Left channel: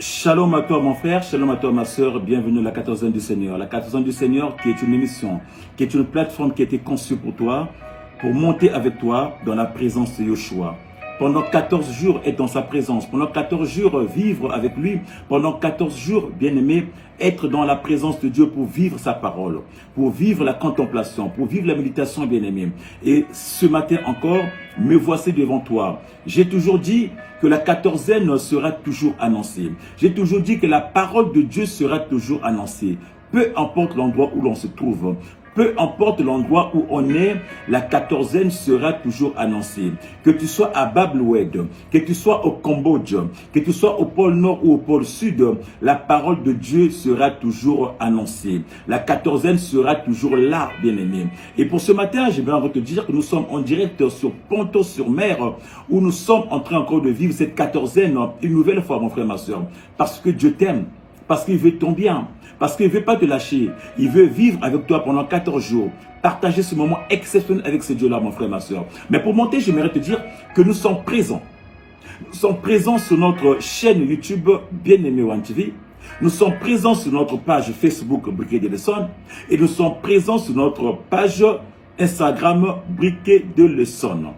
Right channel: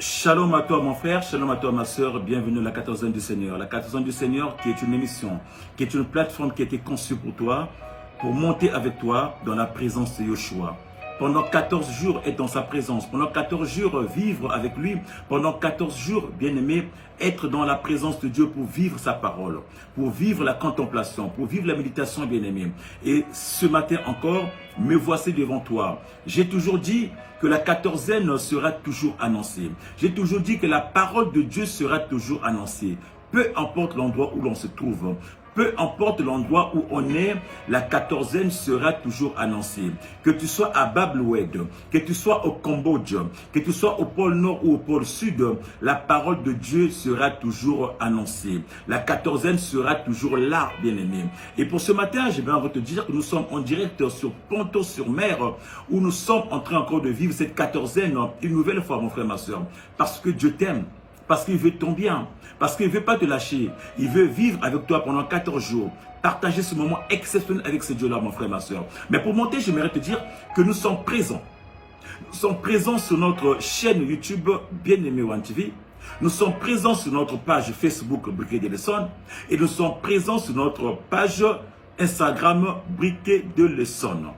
Shalom à toi mon frère, shalom à toi ma soeur, bienvenue à la 14e du Seigneur. La 14e du Seigneur qui est une émission, qui est une plateforme qui a été conçue pour toi, pour monter avec toi dans la présence de Yeshua. Pendant 14 jours être dans sa présence, pendant 14 jours vivre avec lui, pendant 14 jours, bien-aimé, être dans la présence de Dieu pour vivre sa parole, pour vivre la contemplation, pour vivre la méditation, bien-aimé. Et ce matin encore, me voici devant toi. J'ai toujours dit que la 14e sera toujours annoncée. J'ai toujours dit que la parole de Dieu sera toujours annoncée. Peu importe l'endroit où l'on se trouve, peu importe l'endroit où on est, la 14e sera toujours annoncée. Que tu sois à Bab-el-Oued, que tu sois au Cambodge, que tu sois au pôle Nord ou au pôle Sud, la parole de Dieu sera toujours annoncée. La 14e sera toujours là, bien-aimé. Et pour ce matin, je vais te dire que nous sommes en direct sur Ponto-sur-Mer, où nous sommes en train encore de vivre cette 14e une nouvelle fois, mon frère, ma soeur. Parce que Dieu t'aime, parce qu'il veut ton bien. Parce qu'il ne veut pas te lâcher. Il veut vivre avec toi pendant 14 jours. Partager ce moment exceptionnel avec ce Dieu-là, mon frère, ma soeur. Mais pour monter, j'aimerais te dire que nous sommes présents. Nous sommes présents sur notre chaîne YouTube Bien-Aimé One TV. Nous sommes présents sur notre page Facebook Briquet de Leçon. Et nous sommes présents sur notre page Instagram Briquet de Leçon.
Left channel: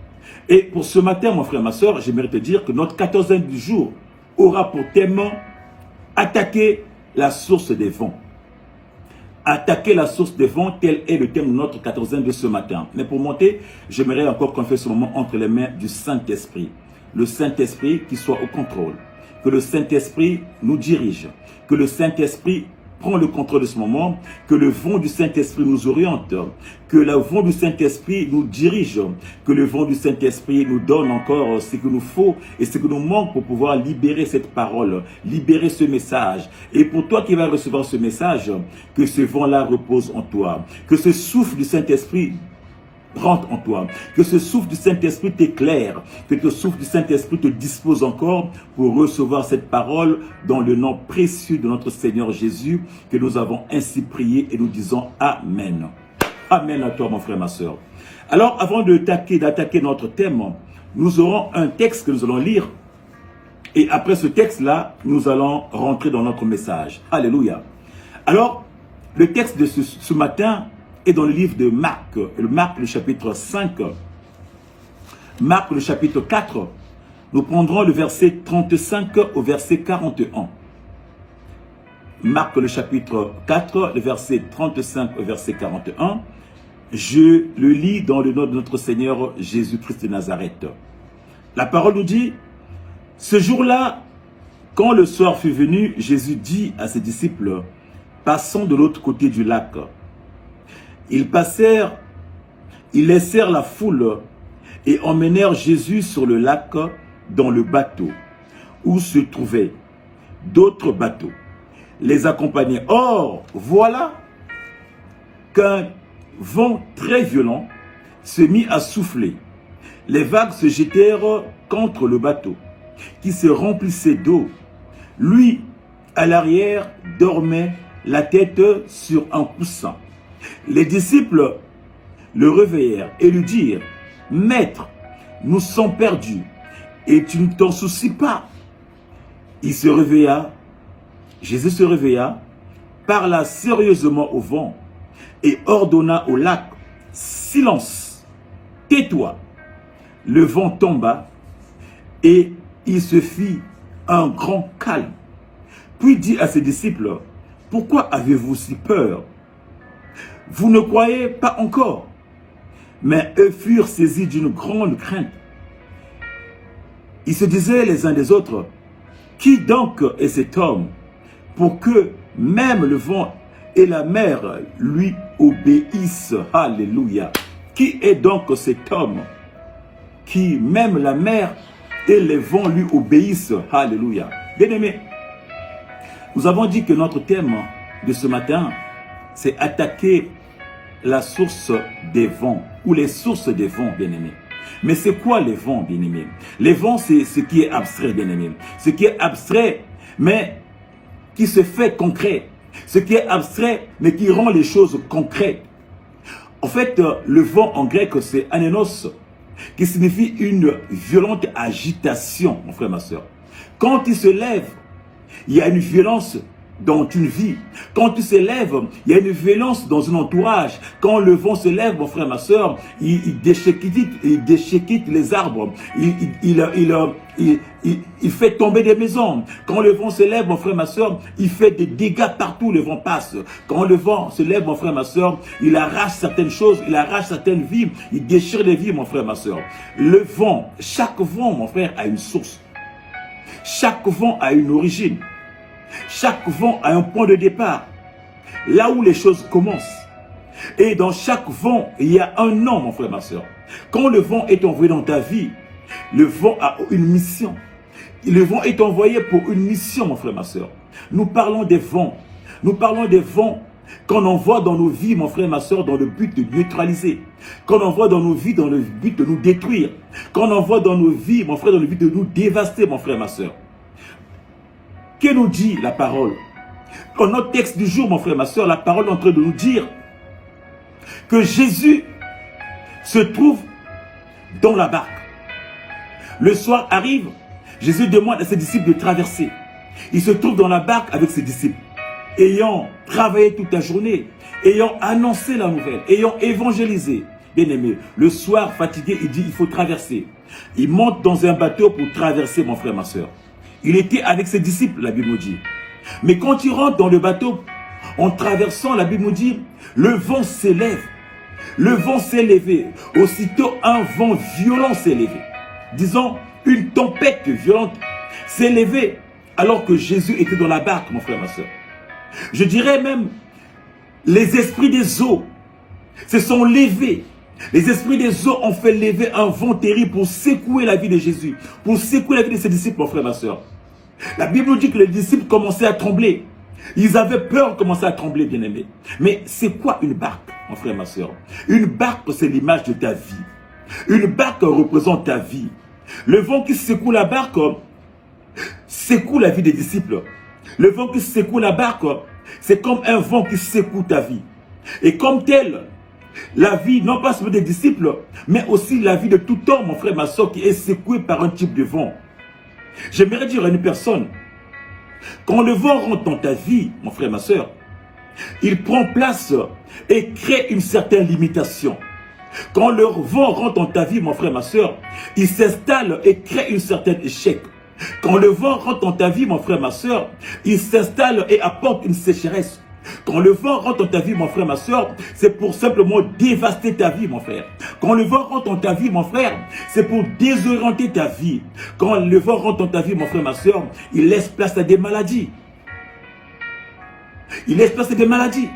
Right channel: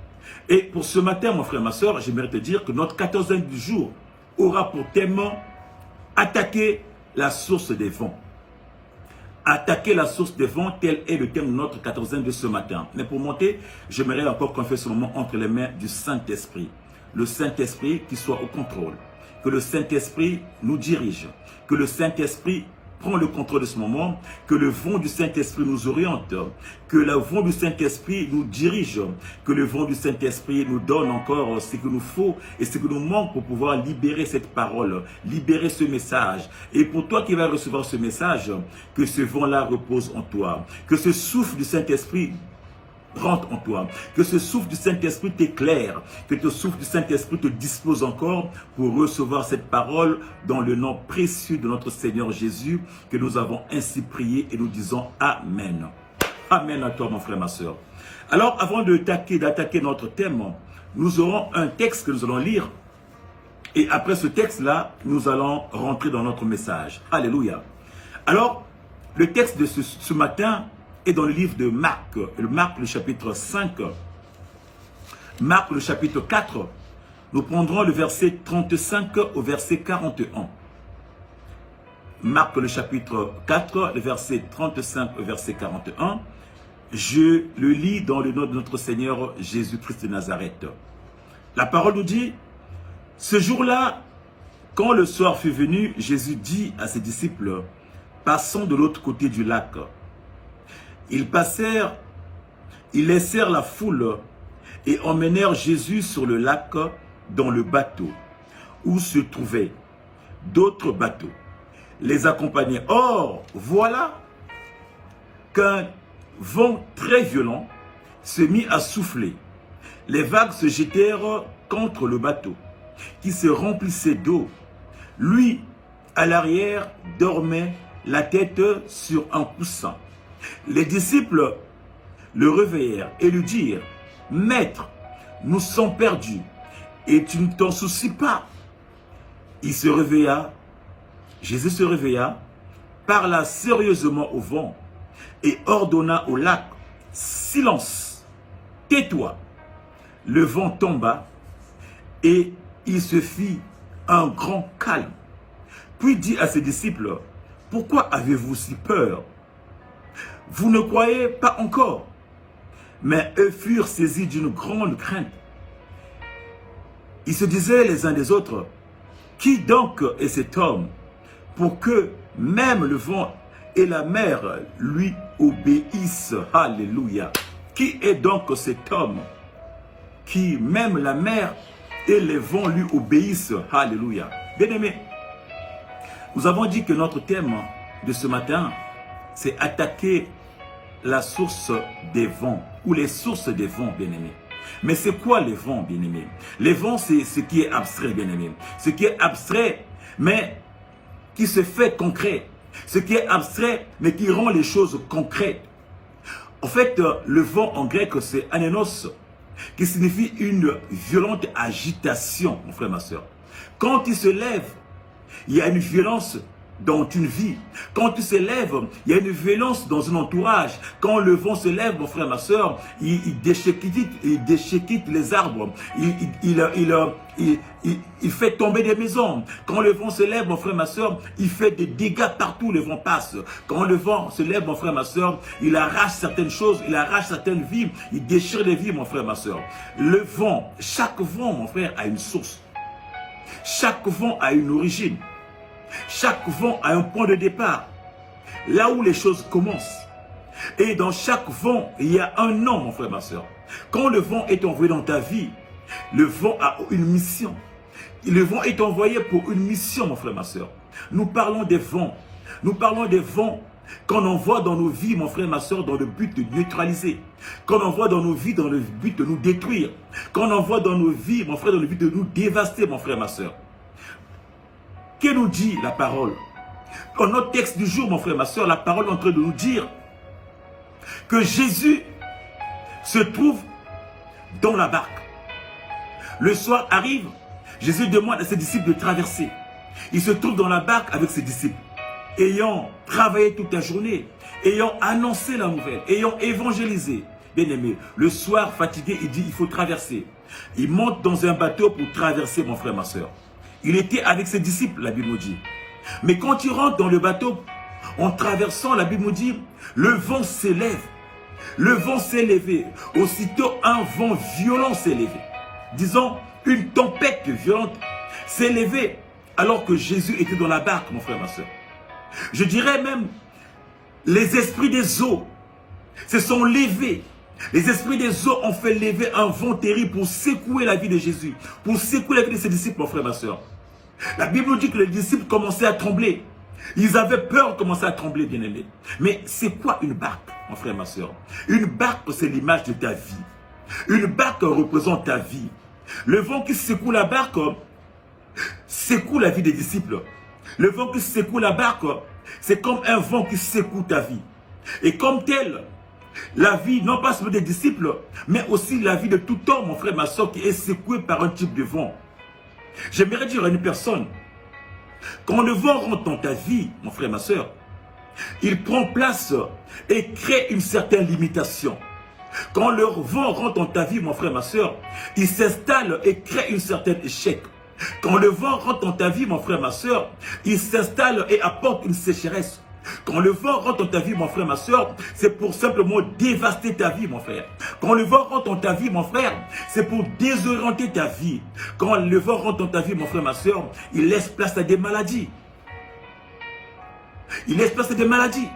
Et pour ce matin, mon frère, ma soeur, j'aimerais te dire que notre 14e du jour aura pour thème attaquer la source des vents. Attaquer la source des vents, tel est le thème de notre 14e de ce matin. Mais pour monter, j'aimerais encore qu'on fasse ce moment entre les mains du Saint-Esprit. Le Saint-Esprit qui soit au contrôle. Que le Saint-Esprit nous dirige. Que le Saint-Esprit prend le contrôle de ce moment. Que le vent du Saint-Esprit nous oriente. Que le vent du Saint-Esprit nous dirige. Que le vent du Saint-Esprit nous donne encore ce qu'il nous faut et ce qui nous manque pour pouvoir libérer cette parole, libérer ce message. Et pour toi qui vas recevoir ce message, que ce vent-là repose en toi. Que ce souffle du Saint-Esprit rentre en toi, que ce souffle du Saint-Esprit t'éclaire, que ce souffle du Saint-Esprit te dispose encore pour recevoir cette parole dans le nom précieux de notre Seigneur Jésus, que nous avons ainsi prié et nous disons Amen. Amen à toi mon frère, ma soeur. Alors avant d'attaquer notre thème, nous aurons un texte que nous allons lire et après ce texte-là, nous allons rentrer dans notre message. Alléluia. Alors, le texte de ce matin est dans le livre de Marc, le chapitre 5, Marc le chapitre 4, nous prendrons le verset 35 au verset 41. Marc le chapitre 4, le verset 35 au verset 41. Je le lis dans le nom de notre Seigneur Jésus-Christ de Nazareth. La parole nous dit, ce jour-là, quand le soir fut venu, Jésus dit à ses disciples, passons de l'autre côté du lac. Ils laissèrent la foule et emmenèrent Jésus sur le lac dans le bateau où se trouvaient d'autres bateaux. Les accompagnaient. Or, voilà qu'un vent très violent se mit à souffler. Les vagues se jetèrent contre le bateau qui se remplissait d'eau. Lui, à l'arrière, dormait la tête sur un coussin. Les disciples le réveillèrent et lui dirent, « Maître, nous sommes perdus et tu ne t'en soucies pas. » Il se réveilla, Jésus se réveilla, parla sérieusement au vent et ordonna au lac, « Silence, tais-toi. » Le vent tomba et il se fit un grand calme. Puis dit à ses disciples, « Pourquoi avez-vous si peur? Vous ne croyez pas encore. » Mais eux furent saisis d'une grande crainte. Ils se disaient les uns des autres, « Qui donc est cet homme pour que même le vent et la mer lui obéissent? » Alléluia. Qui est donc cet homme qui même la mer et les vents lui obéissent? Alléluia. Bien-aimés, nous avons dit que notre thème de ce matin, c'est attaquer la source des vents, ou les sources des vents, bien-aimés. Mais c'est quoi les vents, bien-aimés? Les vents, c'est ce qui est abstrait, bien-aimés. Ce qui est abstrait, mais qui se fait concret. Ce qui est abstrait, mais qui rend les choses concrètes. En fait, le vent en grec, c'est anénos, qui signifie une violente agitation, mon frère, ma soeur. Quand il se lève, il y a une violence dans une vie. Quand tu se lèves, il y a une violence dans un entourage. Quand le vent se lève, mon frère, ma soeur, il déchiquette les arbres. Il fait tomber des maisons. Quand le vent se lève, mon frère, ma soeur, il fait des dégâts partout, le vent passe. Quand le vent se lève, mon frère, ma soeur, il arrache certaines choses, il arrache certaines vies, il déchire les vies, mon frère, ma soeur. Le vent, chaque vent, mon frère, a une source. Chaque vent a une origine. Chaque vent a un point de départ, là où les choses commencent. Et dans chaque vent, il y a un nom, mon frère, ma soeur. Quand le vent est envoyé dans ta vie, le vent a une mission. Le vent est envoyé pour une mission, mon frère, ma soeur. Nous parlons des vents. Nous parlons des vents qu'on envoie dans nos vies, mon frère, ma soeur, dans le but de neutraliser. Qu'on envoie dans nos vies dans le but de nous détruire. Qu'on envoie dans nos vies, mon frère, dans le but de nous dévaster, mon frère, ma soeur. Que nous dit la parole? Dans notre texte du jour, mon frère, ma soeur, la parole est en train de nous dire que Jésus se trouve dans la barque. Le soir arrive, Jésus demande à ses disciples de traverser. Il se trouve dans la barque avec ses disciples, ayant travaillé toute la journée, ayant annoncé la nouvelle, ayant évangélisé. Bien aimé, le soir, fatigué, il dit il faut traverser. Il monte dans un bateau pour traverser, mon frère, ma soeur. Il était avec ses disciples, la Bible nous dit. Mais quand il rentre dans le bateau, en traversant, la Bible nous dit, le vent s'élève. Le vent s'est levé. Aussitôt, un vent violent s'est levé. Disons, une tempête violente s'est levée alors que Jésus était dans la barque, mon frère, ma soeur. Je dirais même, les esprits des eaux se sont levés. Les esprits des eaux ont fait lever un vent terrible pour secouer la vie de Jésus, pour secouer la vie de ses disciples, mon frère, ma soeur. La Bible nous dit que les disciples commençaient à trembler. Ils avaient peur de commencer à trembler, bien-aimés. Mais c'est quoi une barque, mon frère, ma soeur? Une barque, c'est l'image de ta vie. Une barque représente ta vie. Le vent qui secoue la barque secoue la vie des disciples. Le vent qui secoue la barque, c'est comme un vent qui secoue ta vie. Et comme tel, la vie, non pas seulement des disciples, mais aussi la vie de tout homme, mon frère, ma soeur, qui est secouée par un type de vent. J'aimerais dire à une personne, quand le vent rentre dans ta vie, mon frère, ma soeur, il prend place et crée une certaine limitation. Quand le vent rentre dans ta vie, mon frère, ma soeur, il s'installe et crée une certaine échec. Quand le vent rentre dans ta vie, mon frère, ma soeur, il s'installe et apporte une sécheresse. Quand le vent rentre dans ta vie, mon frère, ma soeur, c'est pour simplement dévaster ta vie, mon frère. Quand le vent rentre dans ta vie, mon frère, c'est pour désorienter ta vie. Quand le vent rentre dans ta vie, mon frère, ma soeur, il laisse place à des maladies. Il laisse place à des maladies.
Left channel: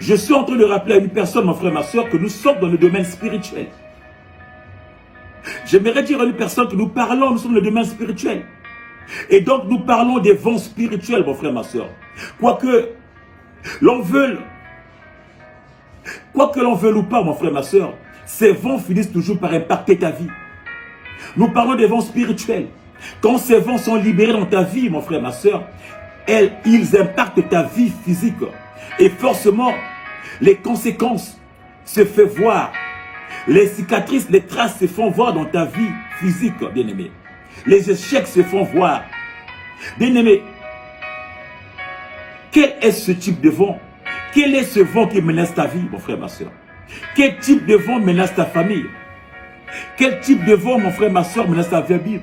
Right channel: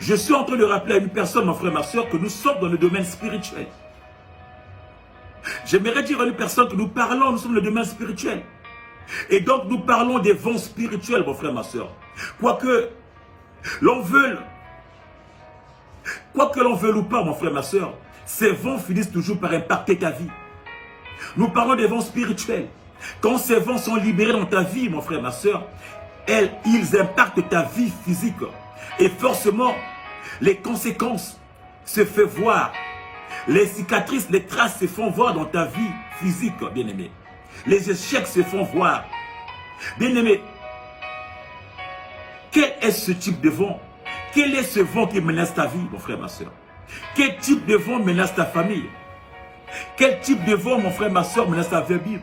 Je suis en train de rappeler à une personne, mon frère, ma soeur, que nous sommes dans le domaine spirituel. J'aimerais dire à une personne que nous sommes dans le domaine spirituel. Et donc nous parlons des vents spirituels, mon frère, ma soeur. Quoique l'on veuille ou pas, mon frère, ma soeur, ces vents finissent toujours par impacter ta vie. Nous parlons des vents spirituels. Quand ces vents sont libérés dans ta vie, mon frère, ma soeur, ils impactent ta vie physique. Et forcément, les conséquences se font voir. Les cicatrices, les traces se font voir dans ta vie physique, bien-aimé. Les échecs se font voir. Bien-aimé, quel est ce type de vent? Quel est ce vent qui menace ta vie, mon frère, ma soeur? Quel type de vent menace ta famille? Quel type de vent, mon frère, ma soeur, menace ta vie?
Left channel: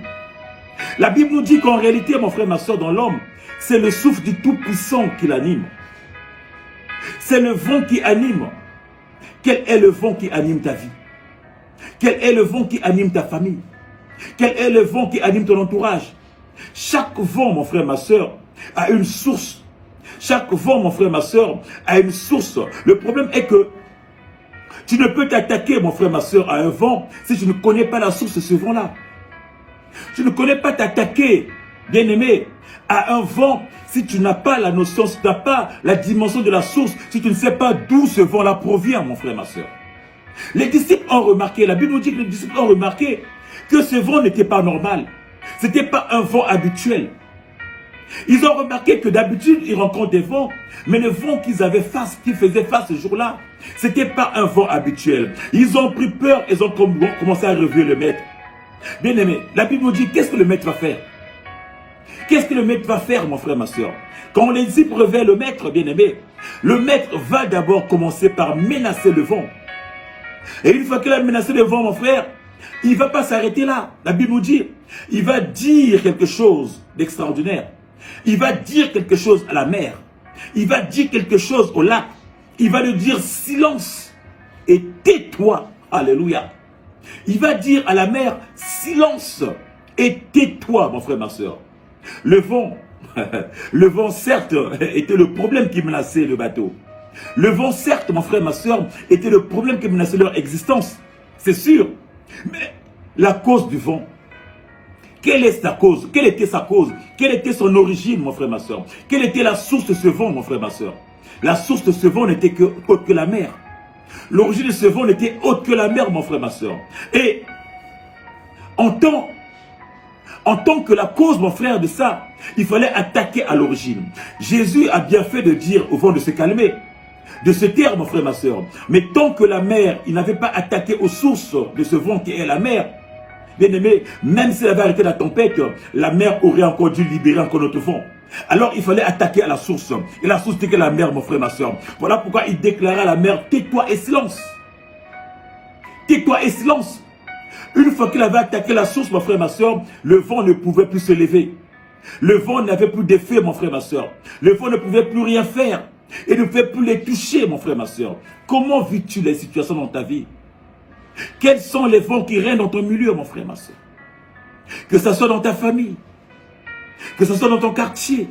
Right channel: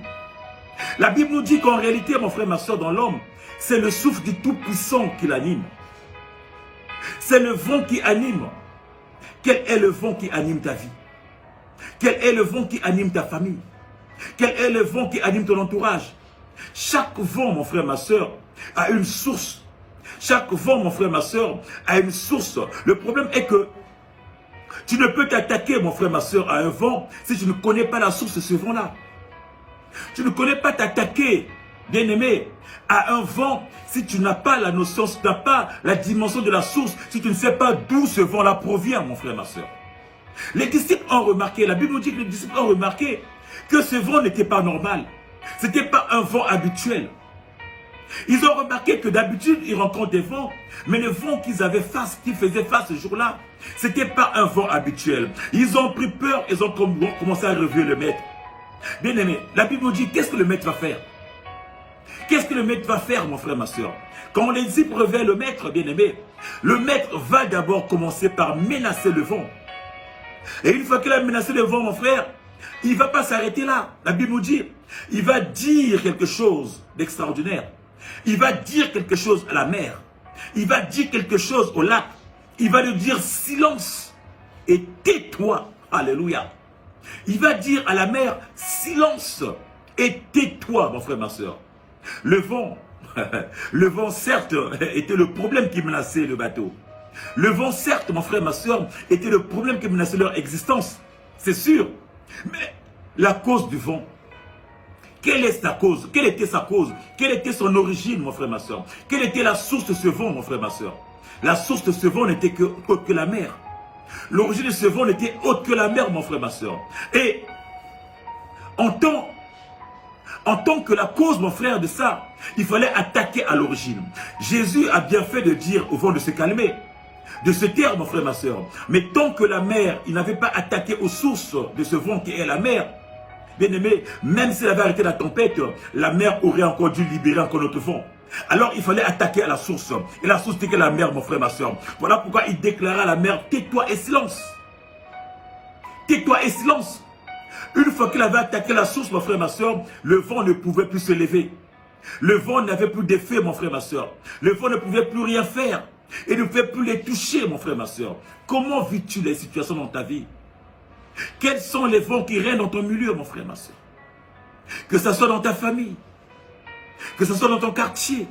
La Bible nous dit qu'en réalité, mon frère, ma soeur, dans l'homme, c'est le souffle du Tout-Puissant qui l'anime. C'est le vent qui anime. Quel est le vent qui anime ta vie? Quel est le vent qui anime ta famille? Quel est le vent qui anime ton entourage? Chaque vent, mon frère, ma soeur, a une source. Chaque vent, mon frère, ma soeur, a une source. Le problème est que tu ne peux t'attaquer, mon frère, ma soeur, à un vent si tu ne connais pas la source de ce vent-là. Tu ne connais pas t'attaquer, bien-aimé, à un vent si tu n'as pas la notion, si tu n'as pas la dimension de la source, si tu ne sais pas d'où ce vent-là provient, mon frère, ma soeur. Les disciples ont remarqué, la Bible nous dit que les disciples ont remarqué que ce vent n'était pas normal. Ce n'était pas un vent habituel. Ils ont remarqué que d'habitude, ils rencontrent des vents, mais le vent qu'ils faisaient face ce jour-là, ce n'était pas un vent habituel. Ils ont pris peur, ils ont commencé à relever le maître. Bien aimé, la Bible nous dit, qu'est-ce que le maître va faire? Qu'est-ce que le maître va faire, mon frère, ma soeur? Quand les disciples réveillent le maître, bien-aimé, le maître va d'abord commencer par menacer le vent. Et une fois qu'il a menacé le vent, mon frère, il ne va pas s'arrêter là. La Bible nous dit, il va dire quelque chose d'extraordinaire. Il va dire quelque chose à la mer. Il va dire quelque chose au lac. Il va lui dire silence et tais-toi. Alléluia. Il va dire à la mer silence et tais-toi, mon frère, ma soeur. Le vent certes était le problème qui menaçait le bateau. Le vent certes, mon frère, ma soeur, était le problème qui menaçait leur existence. C'est sûr. Mais la cause du vent, quelle est sa cause? Quelle était sa cause? Quelle était son origine, mon frère, ma soeur? Quelle était la source de ce vent, mon frère, ma soeur? La source de ce vent n'était autre que la mer. L'origine de ce vent n'était autre que la mer, mon frère, ma soeur. Et en tant que la cause, mon frère, de ça, il fallait attaquer à l'origine. Jésus a bien fait de dire au vent de se calmer, de se taire, mon frère, ma soeur. Mais tant que la mer, il n'avait pas attaqué aux sources de ce vent qui est la mer, bien aimé, même s'il avait arrêté la tempête, la mer aurait encore dû libérer encore notre vent. Alors il fallait attaquer à la source. Et la source c'était la mer, mon frère, ma soeur. Voilà pourquoi il déclara à la mer, tais-toi et silence. Tais-toi et silence. Une fois qu'il avait attaqué la source, mon frère, ma soeur, le vent ne pouvait plus se lever. Le vent n'avait plus d'effet, mon frère, ma soeur. Le vent ne pouvait plus rien faire. Et ne pouvait plus les toucher, mon frère, ma soeur. Comment vis-tu les situations dans ta vie? Quels sont les vents qui règnent dans ton milieu, mon frère, ma soeur? Que ce soit dans ta famille, que ce soit dans ton quartier,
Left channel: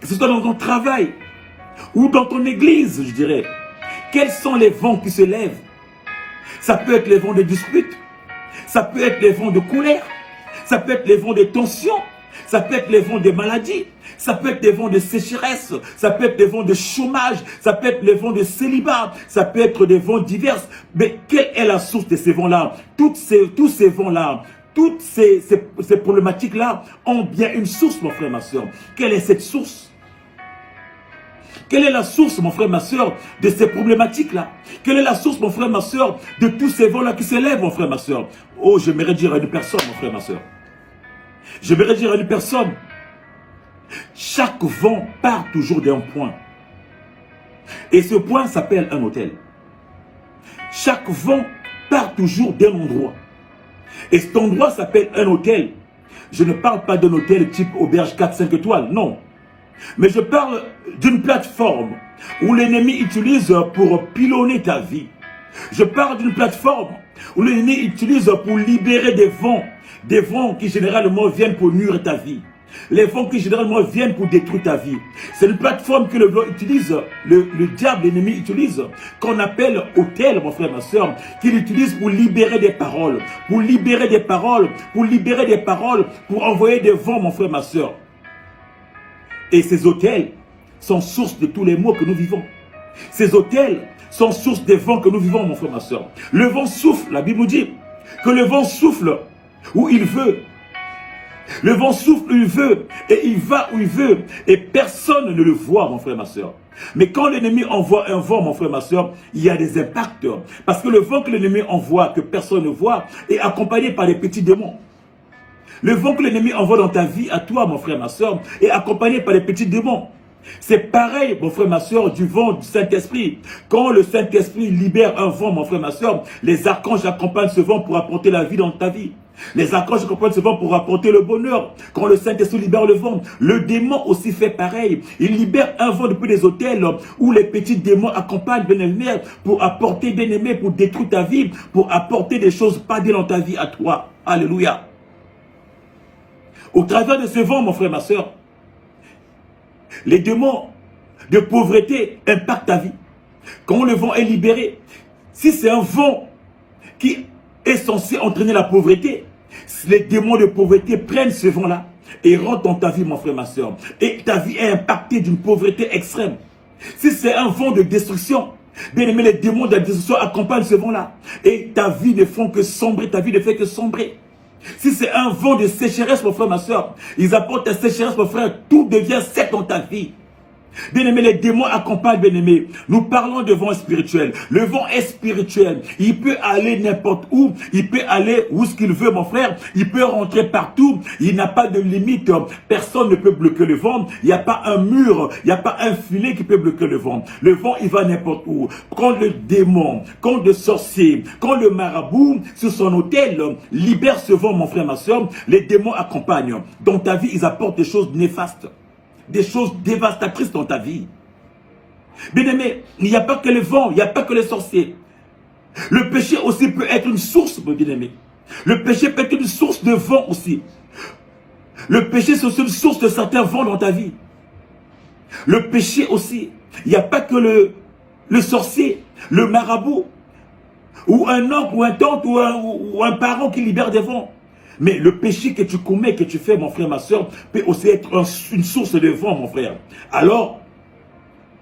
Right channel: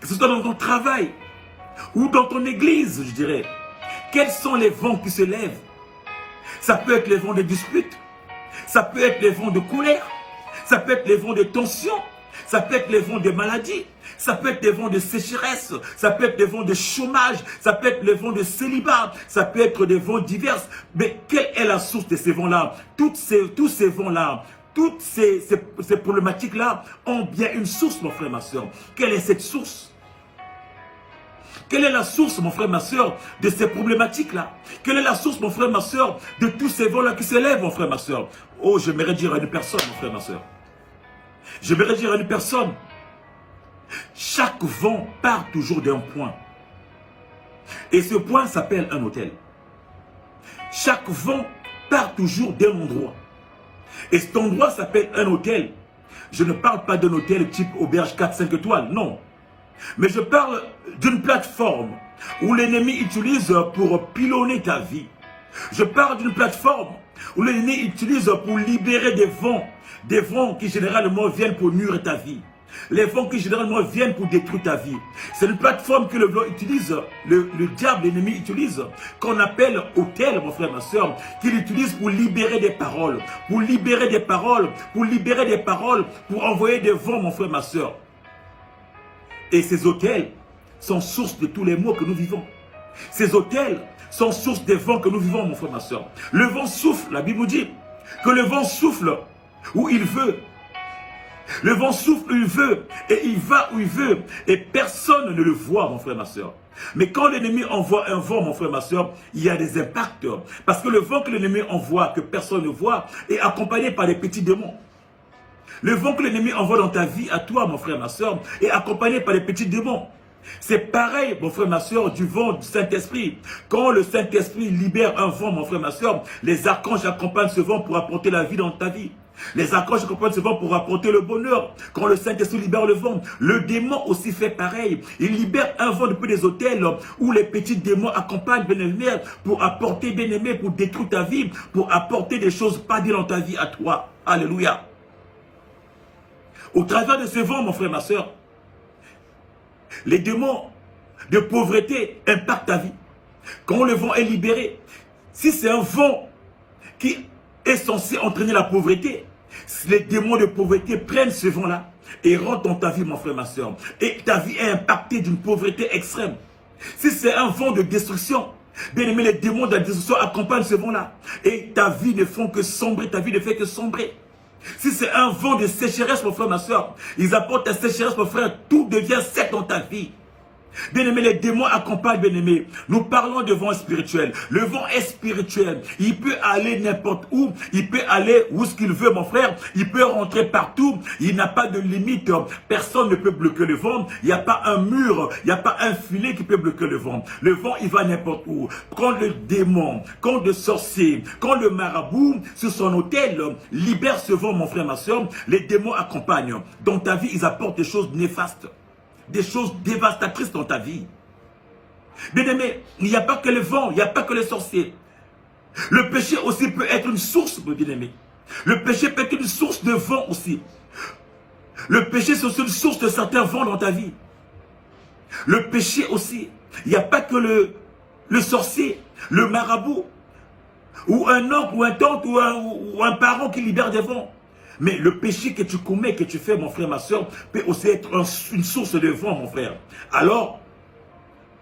que ce soit dans ton travail, ou dans ton église, je dirais. Quels sont les vents qui se lèvent? Ça peut être les vents de dispute, ça peut être les vents de colère, ça peut être les vents de tension, ça peut être les vents de maladie, ça peut être les vents de sécheresse, ça peut être les vents de chômage, ça peut être les vents de célibat, ça peut être des vents divers. Mais quelle est la source de ces vents-là? Tous ces vents-là, toutes ces problématiques-là ont bien une source, mon frère, ma soeur. Quelle est cette source? Quelle est la source, mon frère, ma soeur, de ces problématiques-là? Quelle est la source, mon frère, ma soeur, de tous ces vents-là qui s'élèvent, mon frère, ma soeur? Oh, j'aimerais dire à une personne, mon frère, ma soeur. J'aimerais dire à une personne, chaque vent part toujours d'un point. Et ce point s'appelle un hôtel. Chaque vent part toujours d'un endroit. Et cet endroit s'appelle un hôtel. Je ne parle pas d'un hôtel type auberge 4-5 étoiles, non. Mais je parle d'une plateforme où l'ennemi utilise pour pilonner ta vie. Je parle d'une plateforme où l'ennemi utilise pour libérer des vents qui généralement viennent pour nuire ta vie. Les vents qui généralement viennent pour détruire ta vie. C'est une plateforme que le vent utilise, le diable, l'ennemi utilise, qu'on appelle hôtel, mon frère, ma soeur, qu'il utilise pour libérer des paroles, pour libérer des paroles, pour libérer des paroles, pour envoyer des vents, mon frère, ma soeur. Et ces hôtels sont source de tous les maux que nous vivons. Ces hôtels sont source des vents que nous vivons, mon frère, ma soeur. Le vent souffle, la Bible nous dit que le vent souffle où il veut. Le vent souffle où il veut et il va où il veut et personne ne le voit, mon frère, ma soeur. Mais quand l'ennemi envoie un vent, mon frère, ma soeur, il y a des impacts. Parce que le vent que l'ennemi envoie, que personne ne voit, est accompagné par des petits démons. Le vent que l'ennemi envoie dans ta vie, à toi, mon frère, ma soeur, est accompagné par des petits démons. C'est pareil, mon frère, ma soeur, du vent du Saint-Esprit. Quand le Saint-Esprit libère un vent, mon frère, ma soeur, les archanges accompagnent ce vent pour apporter la vie dans ta vie. Les archanges accompagnent ce vent pour apporter le bonheur. Quand le Saint-Esprit libère le vent, le démon aussi fait pareil. Il libère un vent depuis des hôtels où les petits démons accompagnent bien-aimés pour apporter bien-aimé, pour détruire ta vie, pour apporter des choses pas bien dans ta vie à toi. Alléluia. Au travers de ce vent, mon frère, ma soeur, les démons de pauvreté impactent ta vie. Quand le vent est libéré, si c'est un vent qui est censé entraîner la pauvreté, les démons de pauvreté prennent ce vent-là et rentrent dans ta vie, mon frère, ma soeur. Et ta vie est impactée d'une pauvreté extrême. Si c'est un vent de destruction, bien aimé, les démons de la destruction accompagnent ce vent-là. Et ta vie ne fait que sombrer, ta vie ne fait que sombrer. Si c'est un vent de sécheresse, mon frère, ma soeur, ils apportent la sécheresse, mon frère, tout devient sec dans ta vie. Bien-aimé, les démons accompagnent, bien-aimé. Nous parlons de vent spirituel. Le vent est spirituel. Il peut aller n'importe où. Il peut aller où ce qu'il veut, mon frère. Il peut rentrer partout. Il n'a pas de limite. Personne ne peut bloquer le vent. Il n'y a pas un mur. Il n'y a pas un filet qui peut bloquer le vent. Le vent, il va n'importe où. Quand le démon, quand le sorcier, quand le marabout, sur son autel, libère ce vent, mon frère, ma soeur, les démons accompagnent. Dans ta vie, ils apportent des choses néfastes. Des choses dévastatrices dans ta vie. Bien-aimé, il n'y a pas que le vent, il n'y a pas que les sorciers. Le péché aussi peut être une source, bien-aimé. Le péché peut être une source de vent aussi. Le péché, c'est aussi une source de certains vents dans ta vie. Le péché aussi, il n'y a pas que le sorcier, le marabout, ou un oncle, ou un tante, ou un parent qui libère des vents. Mais le péché que tu commets, que tu fais, mon frère, ma soeur, peut aussi être une source de vent, mon frère. Alors,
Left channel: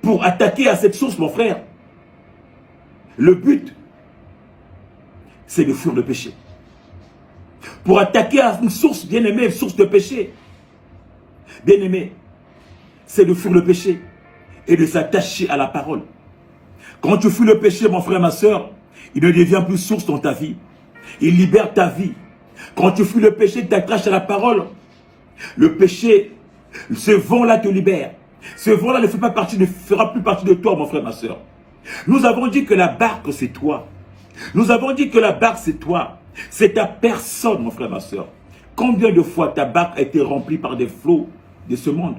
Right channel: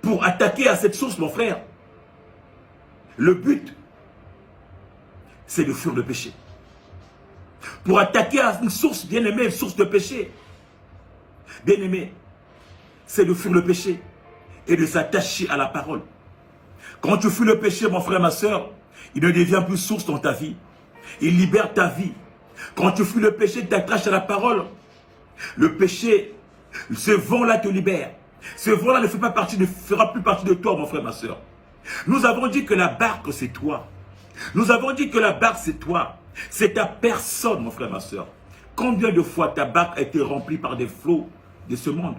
pour attaquer à cette source, mon frère, le but, c'est de fuir le péché. Pour attaquer à une source, bien-aimé, une source de péché, bien-aimé, c'est de fuir le péché et de s'attacher à la parole. Quand tu fuis le péché, mon frère, ma soeur, il ne devient plus source dans ta vie. Il libère ta vie. Quand tu fuis le péché, tu t'attaches à la parole. Le péché, ce vent-là te libère. Ce vent-là ne fera plus partie de toi, mon frère, ma soeur. Nous avons dit que la barque, c'est toi. Nous avons dit que la barque, c'est toi. C'est ta personne, mon frère, ma soeur. Combien de fois ta barque a été remplie par des flots de ce monde?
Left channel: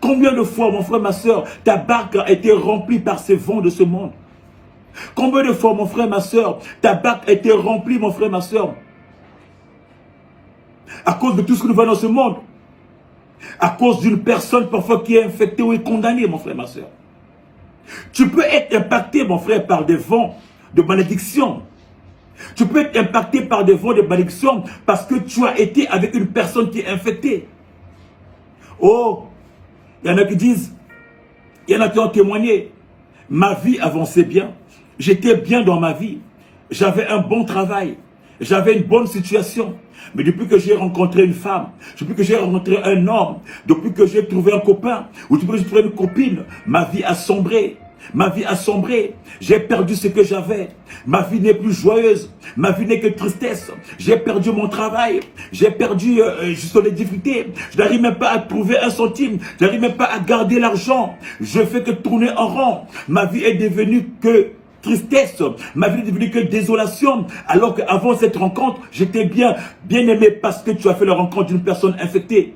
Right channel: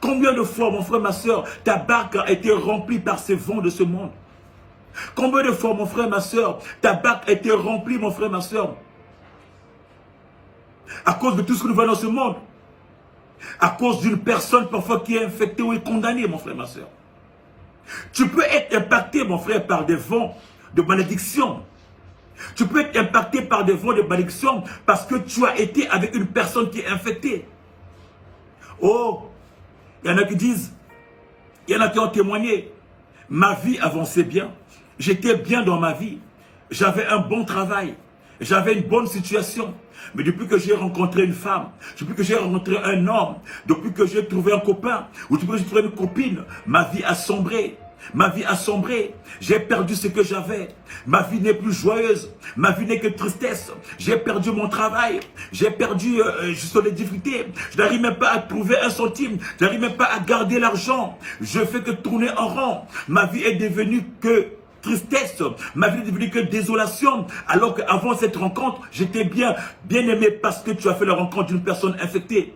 Combien de fois, mon frère, ma soeur, ta barque a été remplie par ces vents de ce monde? Combien de fois, mon frère, ma soeur, ta barque a été remplie, mon frère, ma soeur, à cause de tout ce que nous voyons dans ce monde, à cause d'une personne parfois qui est infectée ou est condamnée, mon frère, ma soeur. Tu peux être impacté, mon frère, par des vents de malédiction. Tu peux être impacté par des vents de malédiction parce que tu as été avec une personne qui est infectée. Oh, il y en a qui disent, il y en a qui ont témoigné, ma vie avançait bien, j'étais bien dans ma vie, j'avais un bon travail, j'avais une bonne situation. Mais depuis que j'ai rencontré une femme, depuis que j'ai rencontré un homme, depuis que j'ai trouvé un copain, ou depuis que j'ai trouvé une copine, ma vie a sombré. Ma vie a sombré. J'ai perdu ce que j'avais. Ma vie n'est plus joyeuse. Ma vie n'est que tristesse. J'ai perdu mon travail. J'ai perdu, je suis dans les difficultés. Je n'arrive même pas à trouver un centime. Je n'arrive même pas à garder l'argent. Je fais que tourner en rond. Ma vie est devenue que tristesse, ma vie est devenue que désolation, alors qu'avant cette rencontre, j'étais bien aimé parce que tu as fait la rencontre d'une personne infectée.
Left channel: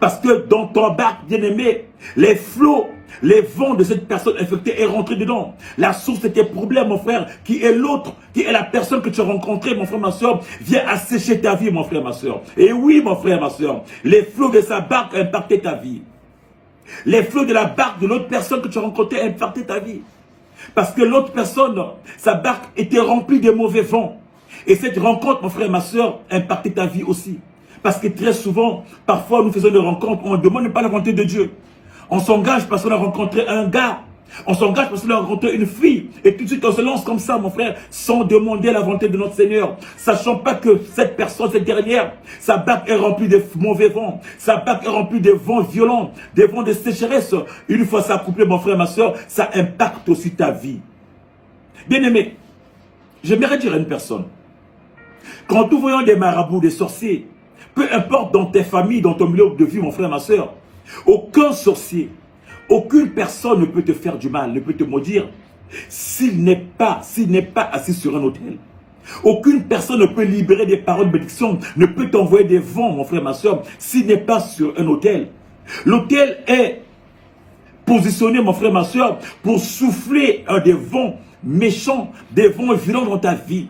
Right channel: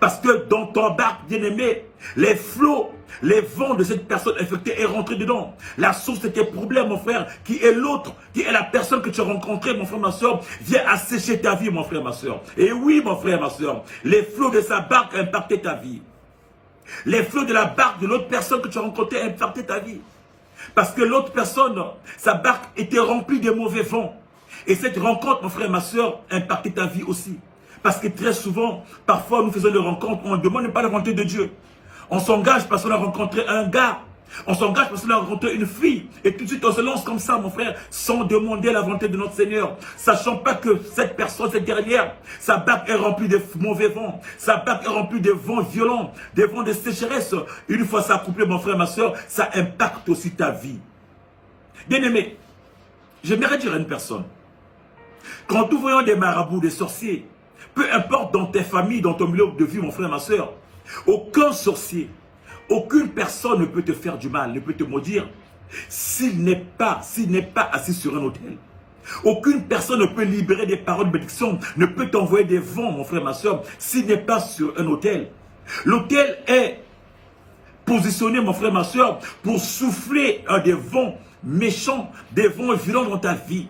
Parce que dans ton barque, bien aimé, les flots, les vents de cette personne infectée est rentré dedans. La source de tes problèmes, mon frère, qui est l'autre, qui est la personne que tu as rencontrée, mon frère, ma soeur, vient assécher ta vie, mon frère, ma soeur. Et oui, mon frère, ma soeur, les flots de sa barque ont impacté ta vie. Les flots de la barque de l'autre personne que tu as rencontrée ont impacté ta vie. Parce que l'autre personne, sa barque était remplie de mauvais vents. Et cette rencontre, mon frère et ma soeur, impactait ta vie aussi. Parce que très souvent, parfois nous faisons des rencontres, on ne demande pas la volonté de Dieu. On s'engage parce qu'on a rencontré un gars. On s'engage parce qu'on a rencontré une fille. Et tout de suite on se lance comme ça, mon frère, sans demander la volonté de notre Seigneur. Sachant pas que cette personne, cette dernière, sa barque est remplie de mauvais vents. Sa barque est remplie de vents violents, des vents de sécheresse. Une fois ça couplé, mon frère, ma soeur, ça impacte aussi ta vie. Bien aimé, j'aimerais dire à une personne, quand nous voyons des marabouts, des sorciers, peu importe dans tes familles, dans ton milieu de vie, mon frère, ma soeur, aucun sorcier, aucune personne ne peut te faire du mal, ne peut te maudire s'il n'est pas assis sur un autel. Aucune personne ne peut libérer des paroles de bénédiction, ne peut t'envoyer des vents, mon frère, ma soeur, s'il n'est pas sur un autel. L'autel est positionné, mon frère, ma soeur, pour souffler des vents méchants, des vents violents dans ta vie.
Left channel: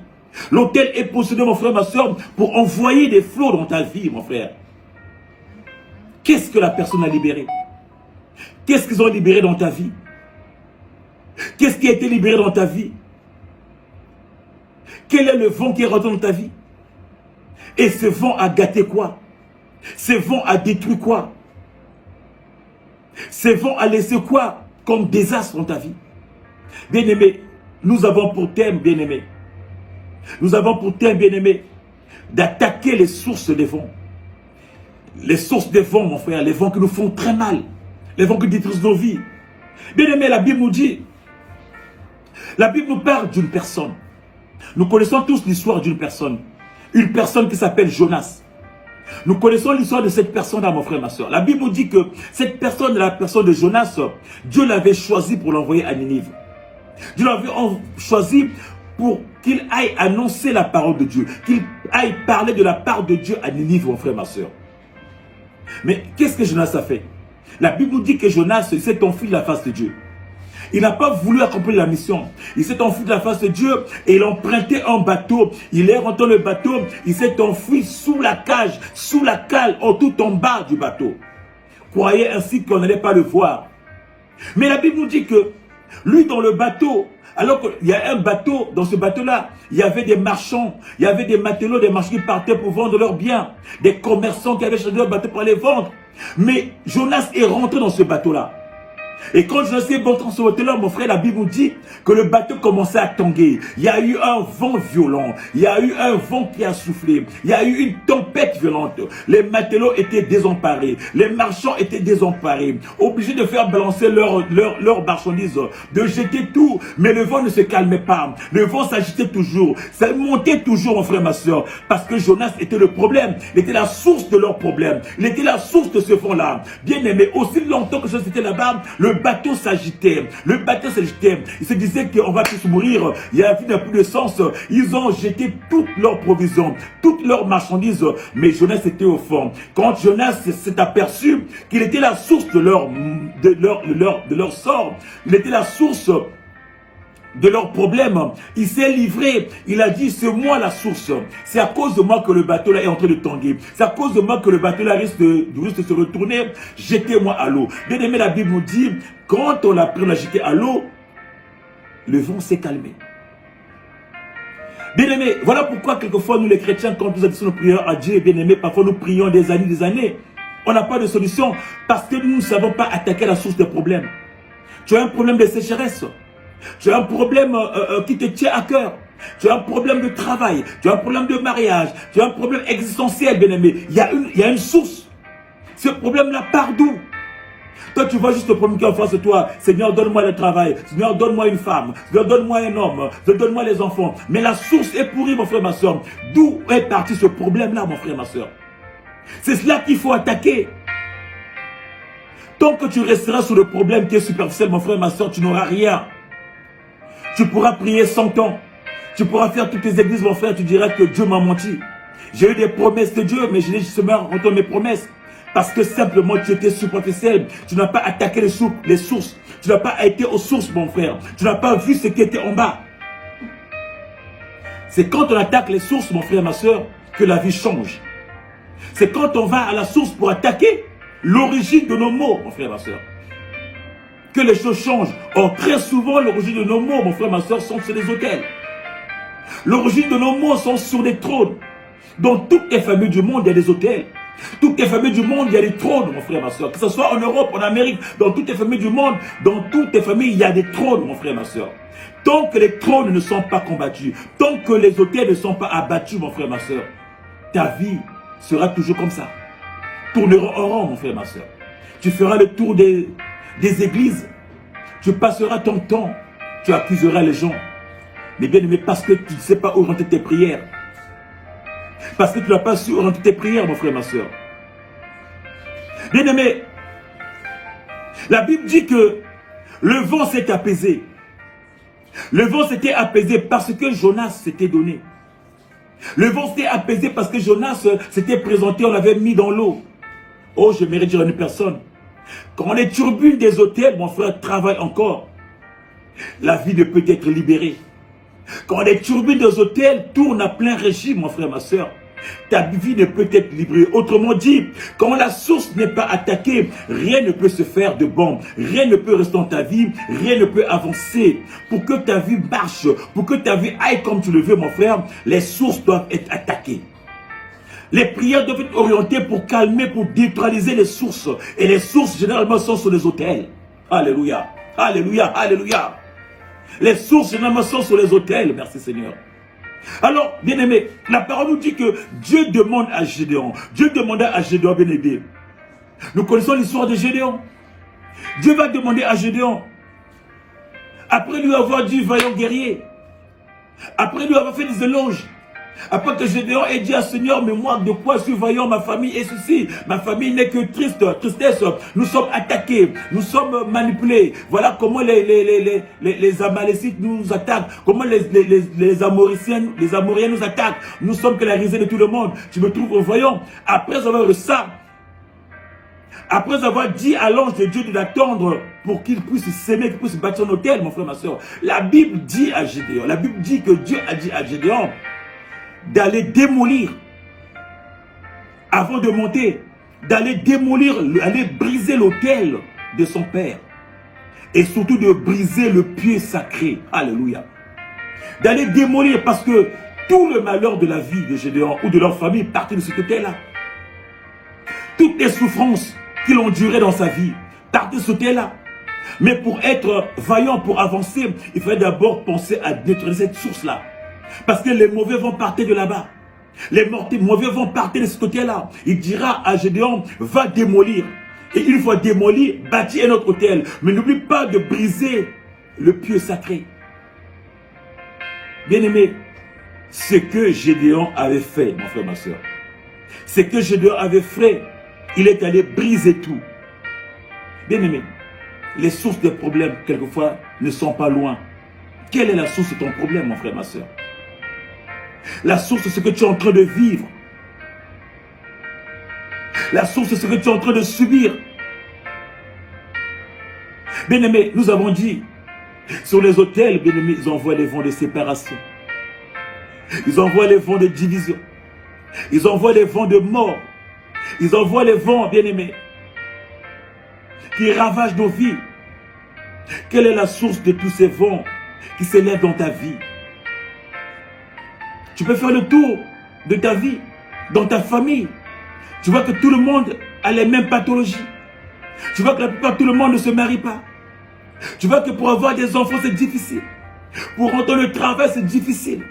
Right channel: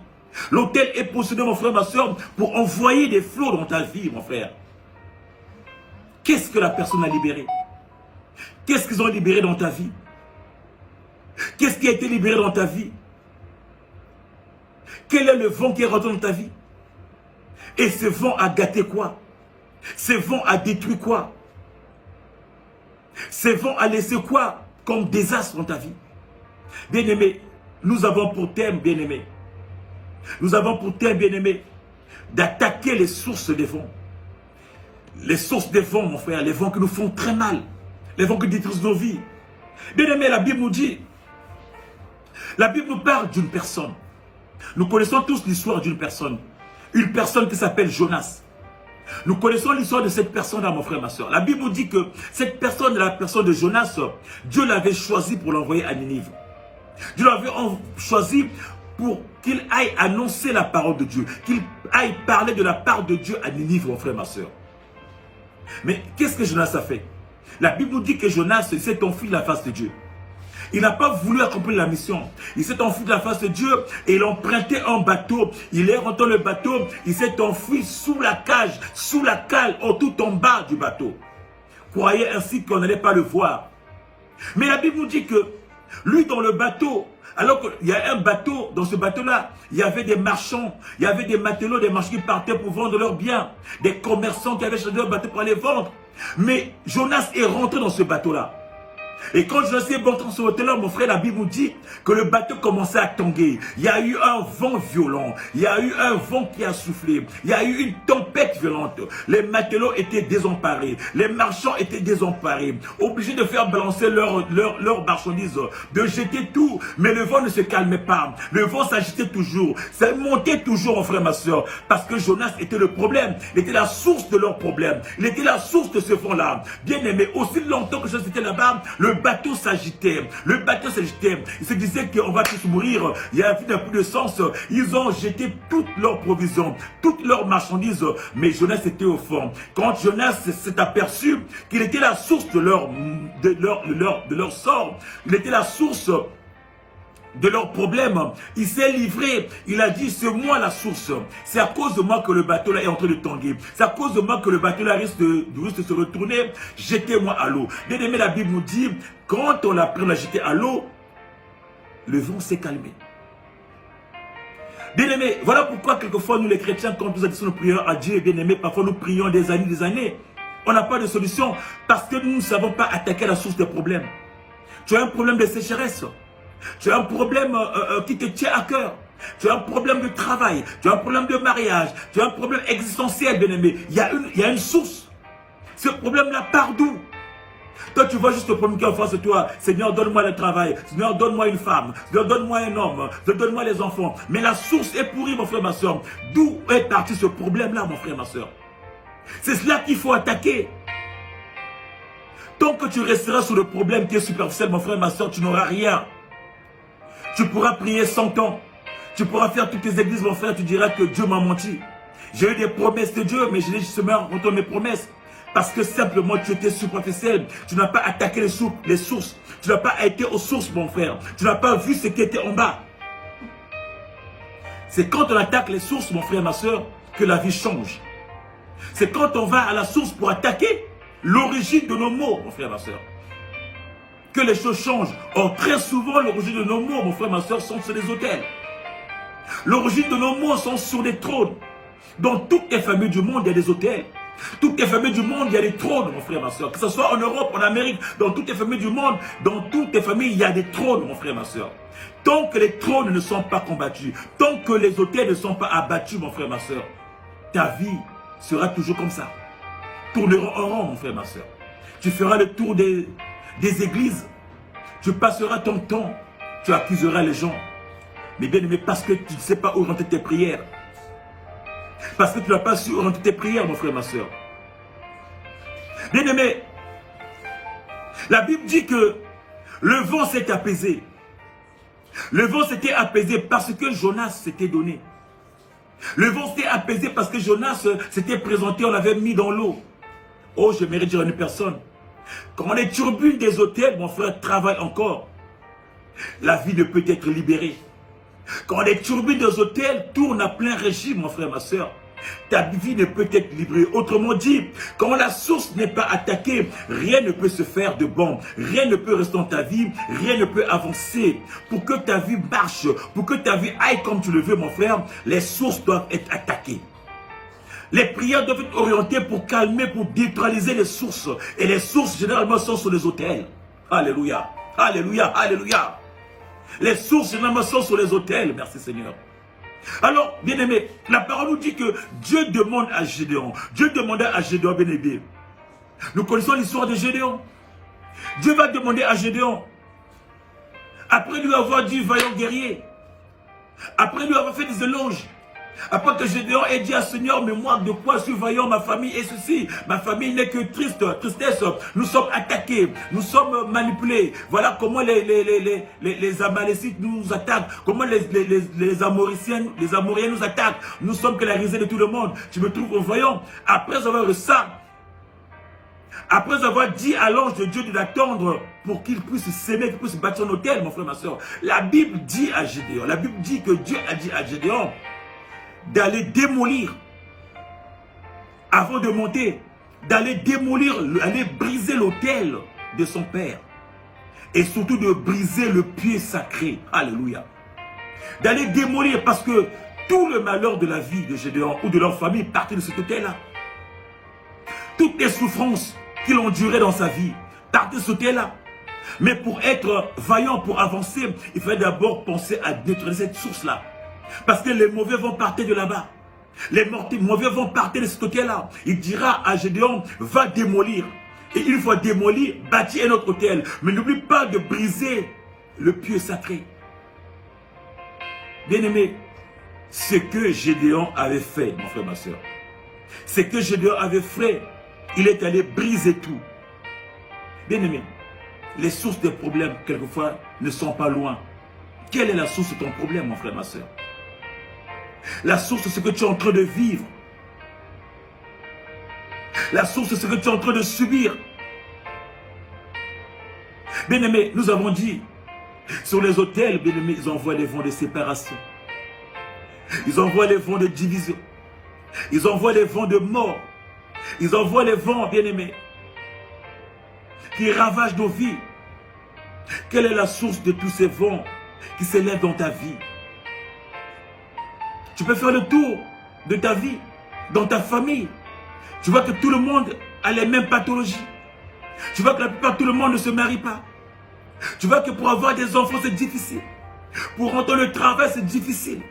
L'autel est positionné, mon frère, ma soeur, pour envoyer des flots dans ta vie, mon frère. Qu'est-ce que la personne a libéré? Qu'est-ce qu'ils ont libéré dans ta vie? Qu'est-ce qui a été libéré dans ta vie? Quel est le vent qui est rentré dans ta vie? Et ce vent a gâté quoi? Ce vent a détruit quoi? Ce vent a laissé quoi comme désastre dans ta vie? Bien-aimé, nous avons pour thème, bien-aimé, nous avons pour thème, bien-aimé, d'attaquer les sources des vents. Les sources des vents, mon frère, les vents qui nous font très mal. Les vents qui détruisent nos vies. Bien aimé, la Bible nous dit, la Bible nous parle d'une personne. Nous connaissons tous l'histoire d'une personne. Une personne qui s'appelle Jonas. Nous connaissons l'histoire de cette personne-là, mon frère, ma soeur. La Bible nous dit que cette personne, la personne de Jonas, Dieu l'avait choisi pour l'envoyer à Ninive. Dieu l'avait choisi pour qu'il aille annoncer la parole de Dieu, qu'il aille parler de la part de Dieu à Ninive, mon frère, ma soeur. Mais qu'est-ce que Jonas a fait? La Bible nous dit que Jonas s'est enfui de la face de Dieu. Il n'a pas voulu accomplir la mission. Il s'est enfui de la face de Dieu et il a emprunté un bateau. Il est rentré dans le bateau, il s'est enfui sous la cage, sous la cale, tout en bas du bateau. Croyez ainsi qu'on n'allait pas le voir. Mais la Bible nous dit que lui dans le bateau, alors qu'il y a un bateau, dans ce bateau-là, il y avait des marchands, il y avait des matelots, des marchands qui partaient pour vendre leurs biens, des commerçants qui avaient choisi leur bateau pour les vendre. Mais Jonas est rentré dans ce bateau-là. Et quand Jonas est rentré dans ce bateau-là, mon frère, la Bible nous dit que le bateau commençait à tanguer. Il y a eu un vent violent. Il y a eu un vent qui a soufflé. Il y a eu une tempête violente. Les matelots étaient désemparés. Les marchands étaient désemparés. Obligés de faire balancer leurs marchandises. De jeter tout. Mais le vent ne se calmait pas. Le vent s'agitait toujours. Ça montait toujours, mon frère, ma soeur. Parce que Jonas était le problème. Il était la source de leur problème. Il était la source de ce vent-là. Bien aimé, aussi longtemps que ça c'était là-bas, le bateau s'agitait. Le bateau s'agitait. Ils se disaient qu'on va tous mourir. Il y a plus de sens. Ils ont jeté toutes leurs provisions, toutes leurs marchandises. Mais Jonas était au fond. Quand Jonas s'est aperçu qu'il était la source de leur sort, il était la source de leurs problèmes, il s'est livré, il a dit c'est moi la source, c'est à cause de moi que le bateau là est en train de tanguer, c'est à cause de moi que le bateau là risque de se retourner, jetez-moi à l'eau. Bien aimé, la Bible nous dit, quand on l'a jeté à l'eau, le vent s'est calmé. Bien aimé, voilà pourquoi quelquefois nous les chrétiens, quand nous adressons nos prières à Dieu, bien aimé, parfois nous prions des années, on n'a pas de solution, parce que nous ne savons pas attaquer la source des problèmes. Tu as un problème de sécheresse. Tu as un problème qui te tient à cœur. Tu as un problème de travail. Tu as un problème de mariage. Tu as un problème existentiel, bien-aimé. Il y a une source. Ce problème-là part d'où? Toi, tu vois juste le problème qui est en face de toi. Seigneur, donne-moi le travail. Seigneur, donne-moi une femme. Seigneur, donne-moi un homme. Donne-moi les enfants. Mais la source est pourrie, mon frère, ma soeur. D'où est parti ce problème-là, mon frère, ma soeur? C'est cela qu'il faut attaquer. Tant que tu resteras sur le problème qui est superficiel, mon frère, ma soeur, tu n'auras rien. Tu pourras prier 100 ans. Tu pourras faire toutes tes églises, mon frère. Tu diras que Dieu m'a menti. J'ai eu des promesses de Dieu, mais je n'ai justement rencontré mes promesses. Parce que simplement tu étais superficiel. Tu n'as pas attaqué les sources. Tu n'as pas été aux sources, mon frère. Tu n'as pas vu ce qui était en bas. C'est quand on attaque les sources, mon frère, ma soeur, que la vie change. C'est quand on va à la source pour attaquer l'origine de nos maux, mon frère, ma soeur, que les choses changent. Or, très souvent, l'origine de nos mots, mon frère, ma soeur, sont sur des autels. L'origine de nos mots sont sur des trônes. Dans toutes les familles du monde, il y a des autels. Toutes les familles du monde, il y a des trônes, mon frère, ma soeur. Que ce soit en Europe, en Amérique, dans toutes les familles du monde, dans toutes les familles, il y a des trônes, mon frère, ma soeur. Tant que les trônes ne sont pas combattus, tant que les autels ne sont pas abattus, mon frère, ma soeur, ta vie sera toujours comme ça. Tournera en rond, mon frère, ma soeur. Tu feras le tour des églises, tu passeras ton temps, tu accuseras les gens. Mais bien aimé, parce que tu ne sais pas orienter tes prières. Parce que tu n'as pas su orienter tes prières, mon frère, ma soeur. Bien aimé, la Bible dit que le vent s'est apaisé. Le vent s'était apaisé parce que Jonas s'était donné. Le vent s'était apaisé parce que Jonas s'était présenté, on l'avait mis dans l'eau. Oh, j'aimerais dire à une personne, quand on est turbulent des autels, mon frère, travaille encore. La vie ne peut être libérée. Quand on est turbulent des autels, tourne à plein régime, mon frère, ma soeur. Ta vie ne peut être libérée. Autrement dit, quand la source n'est pas attaquée, rien ne peut se faire de bon. Rien ne peut rester dans ta vie. Rien ne peut avancer. Pour que ta vie marche, pour que ta vie aille comme tu le veux, mon frère, les sources doivent être attaquées. Les prières doivent être orientées pour calmer, pour neutraliser les sources. Et les sources, généralement, sont sur les autels. Alléluia. Alléluia. Alléluia. Les sources, généralement, sont sur les autels. Merci Seigneur. Alors, bien aimé, la parole nous dit que Dieu demande à Gédéon. Dieu demanda à Gédéon, bien aimé. Nous connaissons l'histoire de Gédéon. Dieu va demander à Gédéon, après lui avoir dit vaillant guerrier, après lui avoir fait des éloges, après que Gédéon ait dit à Seigneur, mais moi, de quoi je suis vaillant, ma famille est ceci. Ma famille n'est que tristesse. Nous sommes attaqués, nous sommes manipulés. Voilà comment les Amalécites nous attaquent, comment les Amoriens nous attaquent. Nous sommes que la risée de tout le monde. Tu me trouves voyant. Après avoir ça, après avoir dit à l'ange de Dieu de l'attendre pour qu'il puisse s'aimer, qu'il puisse bâtir son autel, mon frère, ma soeur, la Bible dit à Gédéon, la Bible dit que Dieu a dit à Gédéon d'aller démolir, avant de monter, d'aller démolir, aller briser l'autel de son père. Et surtout de briser le pied sacré. Alléluia. D'aller démolir parce que tout le malheur de la vie de Gédéon ou de leur famille partait de cet autel-là. Toutes les souffrances qu'il endurait dans sa vie partaient de cet autel-là. Mais pour être vaillant, pour avancer, il fallait d'abord penser à neutraliser cette source-là. Parce que les mauvais vont partir de là-bas. Les mauvais vont partir de ce côté-là. Il dira à Gédéon, va démolir. Et une fois démoli, bâtis un autre autel. Mais n'oublie pas de briser le pieu sacré. Bien-aimé, ce que Gédéon avait fait, mon frère, ma soeur, ce que Gédéon avait fait, il est allé briser tout. Bien-aimé, les sources des problèmes, quelquefois, ne sont pas loin. Quelle est la source de ton problème, mon frère, ma soeur? La source, c'est ce que tu es en train de vivre. La source, c'est ce que tu es en train de subir. Bien-aimés, nous avons dit, sur les autels, bien-aimés, ils envoient les vents de séparation. Ils envoient les vents de division. Ils envoient les vents de mort. Ils envoient les vents, bien-aimés, qui ravagent nos vies. Quelle est la source de tous ces vents qui s'élèvent dans ta vie? Tu peux faire le tour de ta vie, dans ta famille. Tu vois que tout le monde a les mêmes pathologies. Tu vois que la plupart, tout le monde ne se marie pas. Tu vois que pour avoir des enfants, c'est difficile. Pour rentrer le travail, c'est difficile.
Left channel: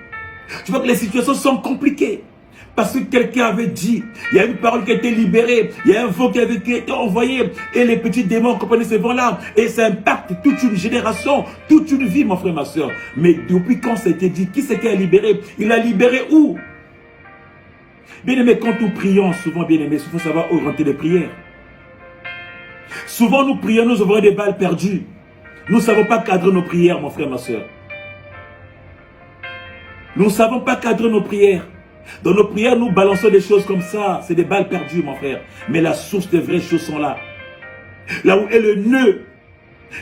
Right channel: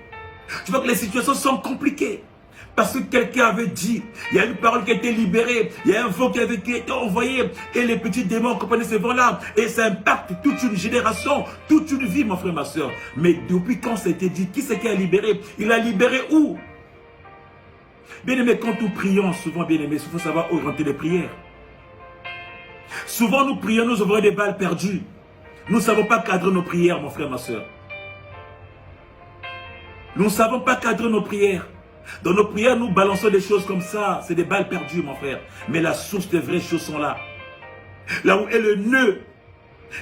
Tu vois que les situations sont compliquées. Parce que quelqu'un avait dit, il y a une parole qui a été libérée, il y a un vent qui avait été envoyé, et les petits démons comprennent ces vents-là, et ça impacte toute une génération, toute une vie, mon frère, ma soeur. Mais depuis quand ça a été dit, qui c'est qui a libéré? Il a libéré où? Bien-aimé, quand nous prions, souvent, bien-aimé, il faut savoir orienter les prières. Souvent, nous prions, nous avons des balles perdues. Nous ne savons pas cadrer nos prières, mon frère, ma soeur. Nous ne savons pas cadrer nos prières. Dans nos prières, nous balançons des choses comme ça. C'est des balles perdues, mon frère. Mais la source des vraies choses sont là. Là où est le nœud.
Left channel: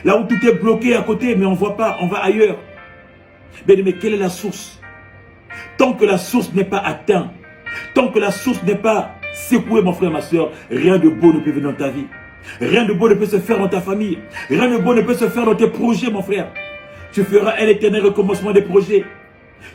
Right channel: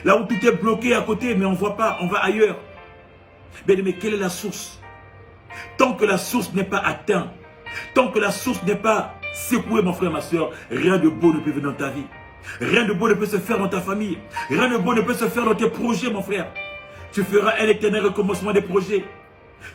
Là où tout est bloqué à côté, mais on ne voit pas, on va ailleurs. Mais quelle est la source? Tant que la source n'est pas atteinte, tant que la source n'est pas secouée, mon frère, ma soeur, rien de beau ne peut venir dans ta vie. Rien de beau ne peut se faire dans ta famille. Rien de beau ne peut se faire dans tes projets, mon frère. Tu feras un éternel recommencement des projets.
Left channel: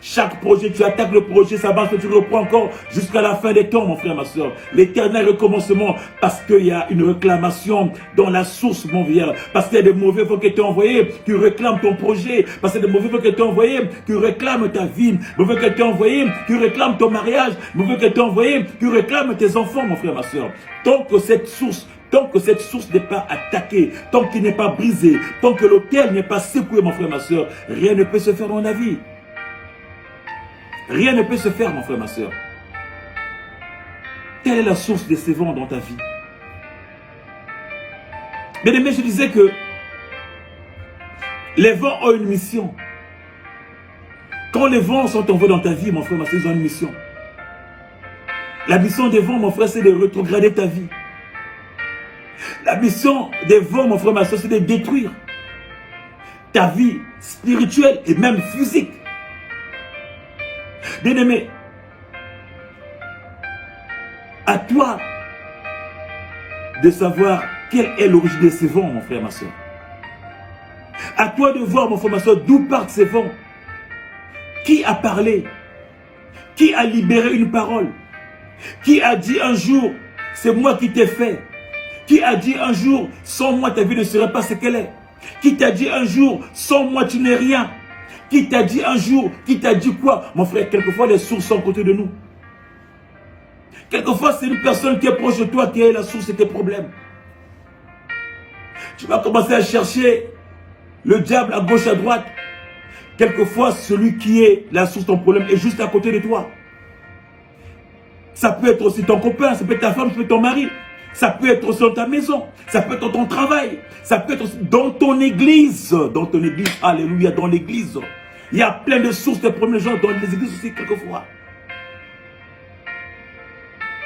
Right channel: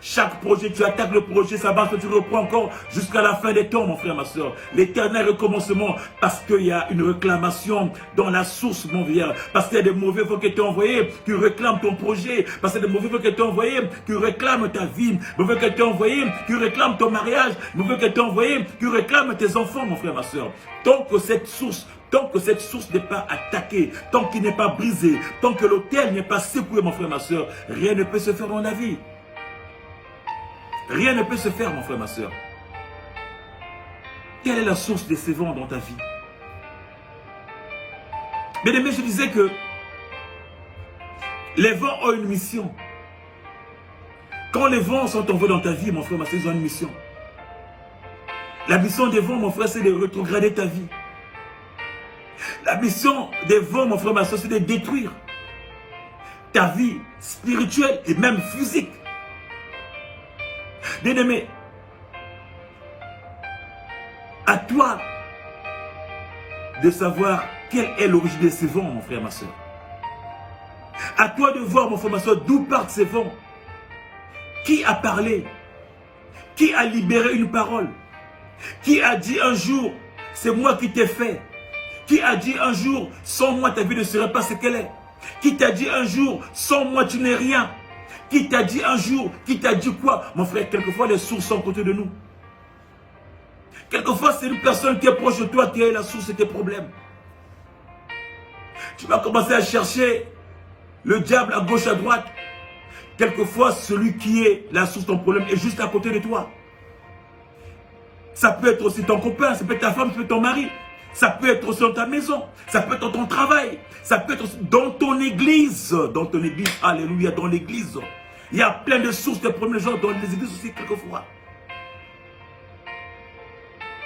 Chaque projet, tu attaques le projet, ça va, tu reprends encore jusqu'à la fin des temps, mon frère, ma soeur. L'éternel recommencement, parce qu'il y a une réclamation dans la source, mon vieux. Parce qu'il y a des mauvais vents qui t'ont envoyés, tu réclames ton projet. Parce qu'il y a des mauvais vents qui t'ont envoyés, tu réclames ta vie. Mauvais qui t'ont envoyé, tu réclames ton mariage. Mauvais qui t'ont envoyé, tu réclames tes enfants, mon frère, ma soeur. Tant que cette source n'est pas attaquée, tant qu'il n'est pas brisé, tant que l'autel n'est pas secoué, mon frère, ma soeur, rien ne peut se faire dans la vie. Rien ne peut se faire, mon frère, ma soeur. Quelle est la source de ces vents dans ta vie? Bien-aimé, je disais que les vents ont une mission. Quand les vents sont envoyés dans ta vie, mon frère, ma soeur, ils ont une mission. La mission des vents, mon frère, c'est de rétrograder ta vie. La mission des vents, mon frère, ma soeur, c'est de détruire ta vie spirituelle et même physique. Bien-aimé, à toi de savoir quelle est l'origine de ces vents, mon frère, ma soeur. À toi de voir, mon frère, ma soeur, d'où partent ces vents. Qui a parlé? Qui a libéré une parole? Qui a dit un jour, c'est moi qui t'ai fait? Qui a dit un jour, sans moi ta vie ne serait pas ce qu'elle est? Qui t'a dit un jour, sans moi tu n'es rien? Qui t'a dit un jour? Qui t'a dit quoi? Mon frère, quelquefois les sources sont à côté de nous. Quelquefois c'est une personne qui est proche de toi qui est la source de tes problèmes. Tu vas commencer à chercher le diable à gauche, à droite. Quelquefois, celui qui est la source de ton problème est juste à côté de toi. Ça peut être aussi ton copain, ça peut être ta femme, ça peut être ton mari. Ça peut être aussi dans ta maison, ça peut être dans ton travail, ça peut être aussi dans ton église. Dans ton église, alléluia, dans l'église. Il y a plein de sources de problèmes gens dans les églises aussi, quelquefois.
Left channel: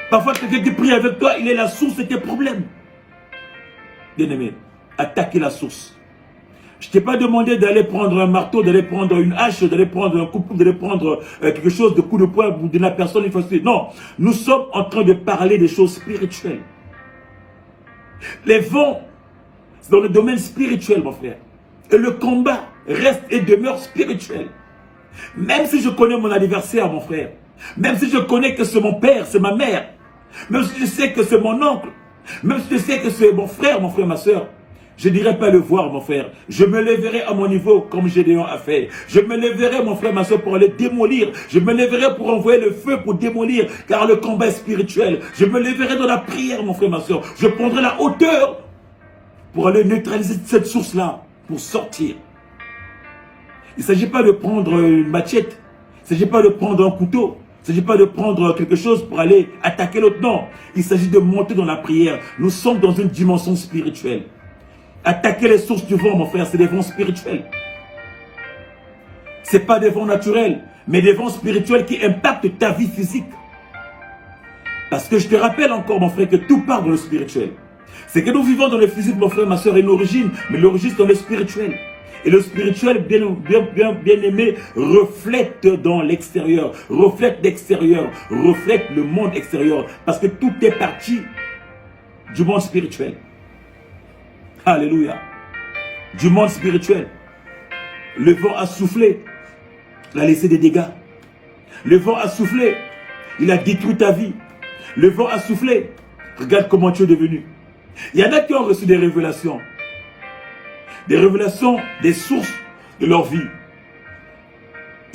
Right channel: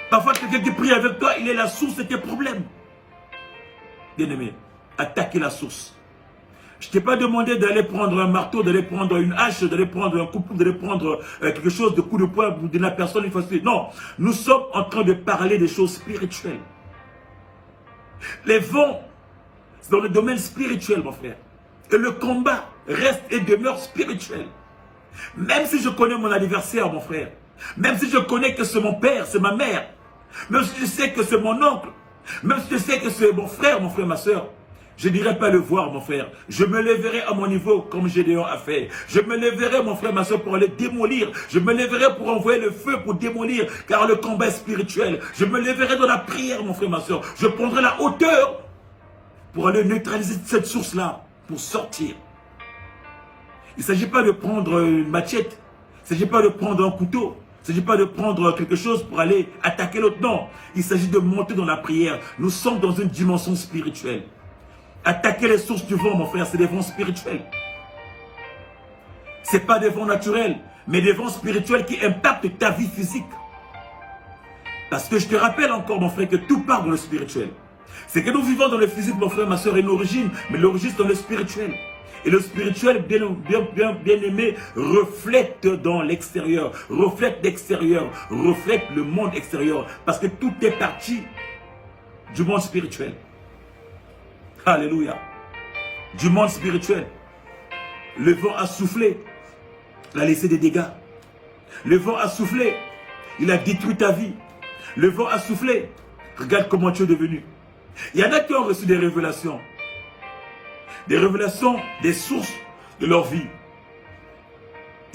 Parfois, quelqu'un qui prie avec toi, il est la source de tes problèmes. Bien-aimé, attaquez la source. Je ne t'ai pas demandé d'aller prendre un marteau, d'aller prendre une hache, d'aller prendre un couteau, d'aller prendre quelque chose de coup de poing pour donner à la personne une fois. Non, nous sommes en train de parler des choses spirituelles. Les vents, c'est dans le domaine spirituel, mon frère. Et le combat reste et demeure spirituel. Même si je connais mon adversaire, mon frère, même si je connais que c'est mon père, c'est ma mère, même si je sais que c'est mon oncle, même si je sais que c'est mon frère, ma soeur, je ne dirai pas le voir, mon frère. Je me lèverai à mon niveau comme Gédéon a fait. Je me lèverai, mon frère, ma soeur, pour aller démolir. Je me lèverai pour envoyer le feu pour démolir, car le combat est spirituel. Je me lèverai dans la prière, mon frère, ma soeur. Je prendrai la hauteur pour aller neutraliser cette source-là, pour sortir. Il ne s'agit pas de prendre une machette. Il ne s'agit pas de prendre un couteau. Il ne s'agit pas de prendre quelque chose pour aller attaquer l'autre. Non, il s'agit de monter dans la prière. Nous sommes dans une dimension spirituelle. Attaquer les sources du vent, mon frère, c'est des vents spirituels. Ce n'est pas des vents naturels, mais des vents spirituels qui impactent ta vie physique. Parce que je te rappelle encore, mon frère, que tout part dans le spirituel. C'est que nous vivons dans le physique, mon frère, ma soeur, et l'origine, mais l'origine, c'est dans le spirituel. Et le spirituel, bien aimé, reflète dans l'extérieur, reflète l'extérieur, reflète le monde extérieur. Parce que tout est parti du monde spirituel. Alléluia. Du monde spirituel. Le vent a soufflé. Il a laissé des dégâts. Le vent a soufflé. Il a détruit ta vie. Le vent a soufflé. Regarde comment tu es devenu. Il y en a qui ont reçu des révélations. Des révélations des sources de leur vie.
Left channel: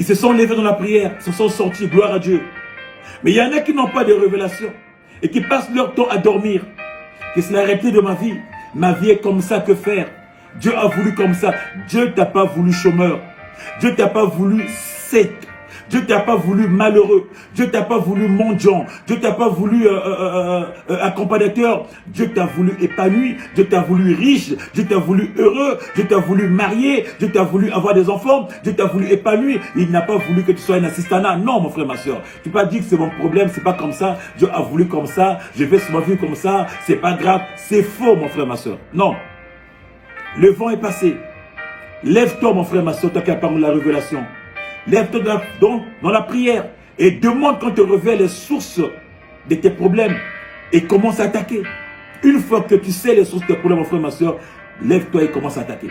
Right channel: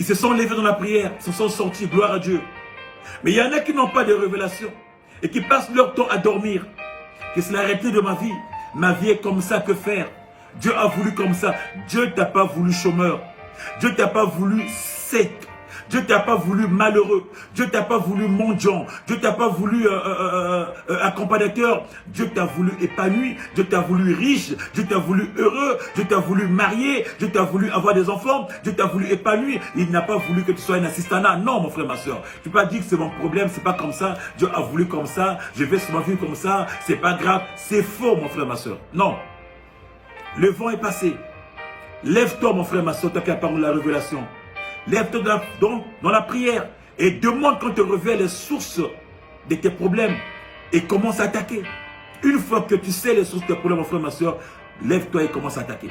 Ils se sont levés dans la prière. Se sont sortis. Gloire à Dieu. Mais il y en a qui n'ont pas de révélations. Et qui passent leur temps à dormir. Qui se l'arrêté de ma vie. Ma vie est comme ça, que faire? Dieu a voulu comme ça. Dieu t'a pas voulu chômeur. Dieu t'a pas voulu sec. Dieu t'a pas voulu malheureux. Dieu t'a pas voulu mendiant. Dieu t'a pas voulu accompagnateur. Dieu t'a voulu épanoui. Dieu t'a voulu riche. Dieu t'a voulu heureux. Dieu t'a voulu marié. Dieu t'a voulu avoir des enfants. Dieu t'a voulu épanoui. Il n'a pas voulu que tu sois un assistana. Non, mon frère, ma soeur. Tu peux pas dire que c'est mon problème. C'est pas comme ça. Dieu a voulu comme ça. Je vais sur ma vie comme ça. C'est pas grave. C'est faux, mon frère, ma soeur. Non. Le vent est passé. Lève-toi, mon frère, ma soeur, toi qui as parlé de la révélation. Lève-toi donc dans la prière et demande quand te révèle les sources de tes problèmes et commence à attaquer. Une fois que tu sais les sources de tes problèmes, mon frère, ma soeur, lève-toi et commence à attaquer.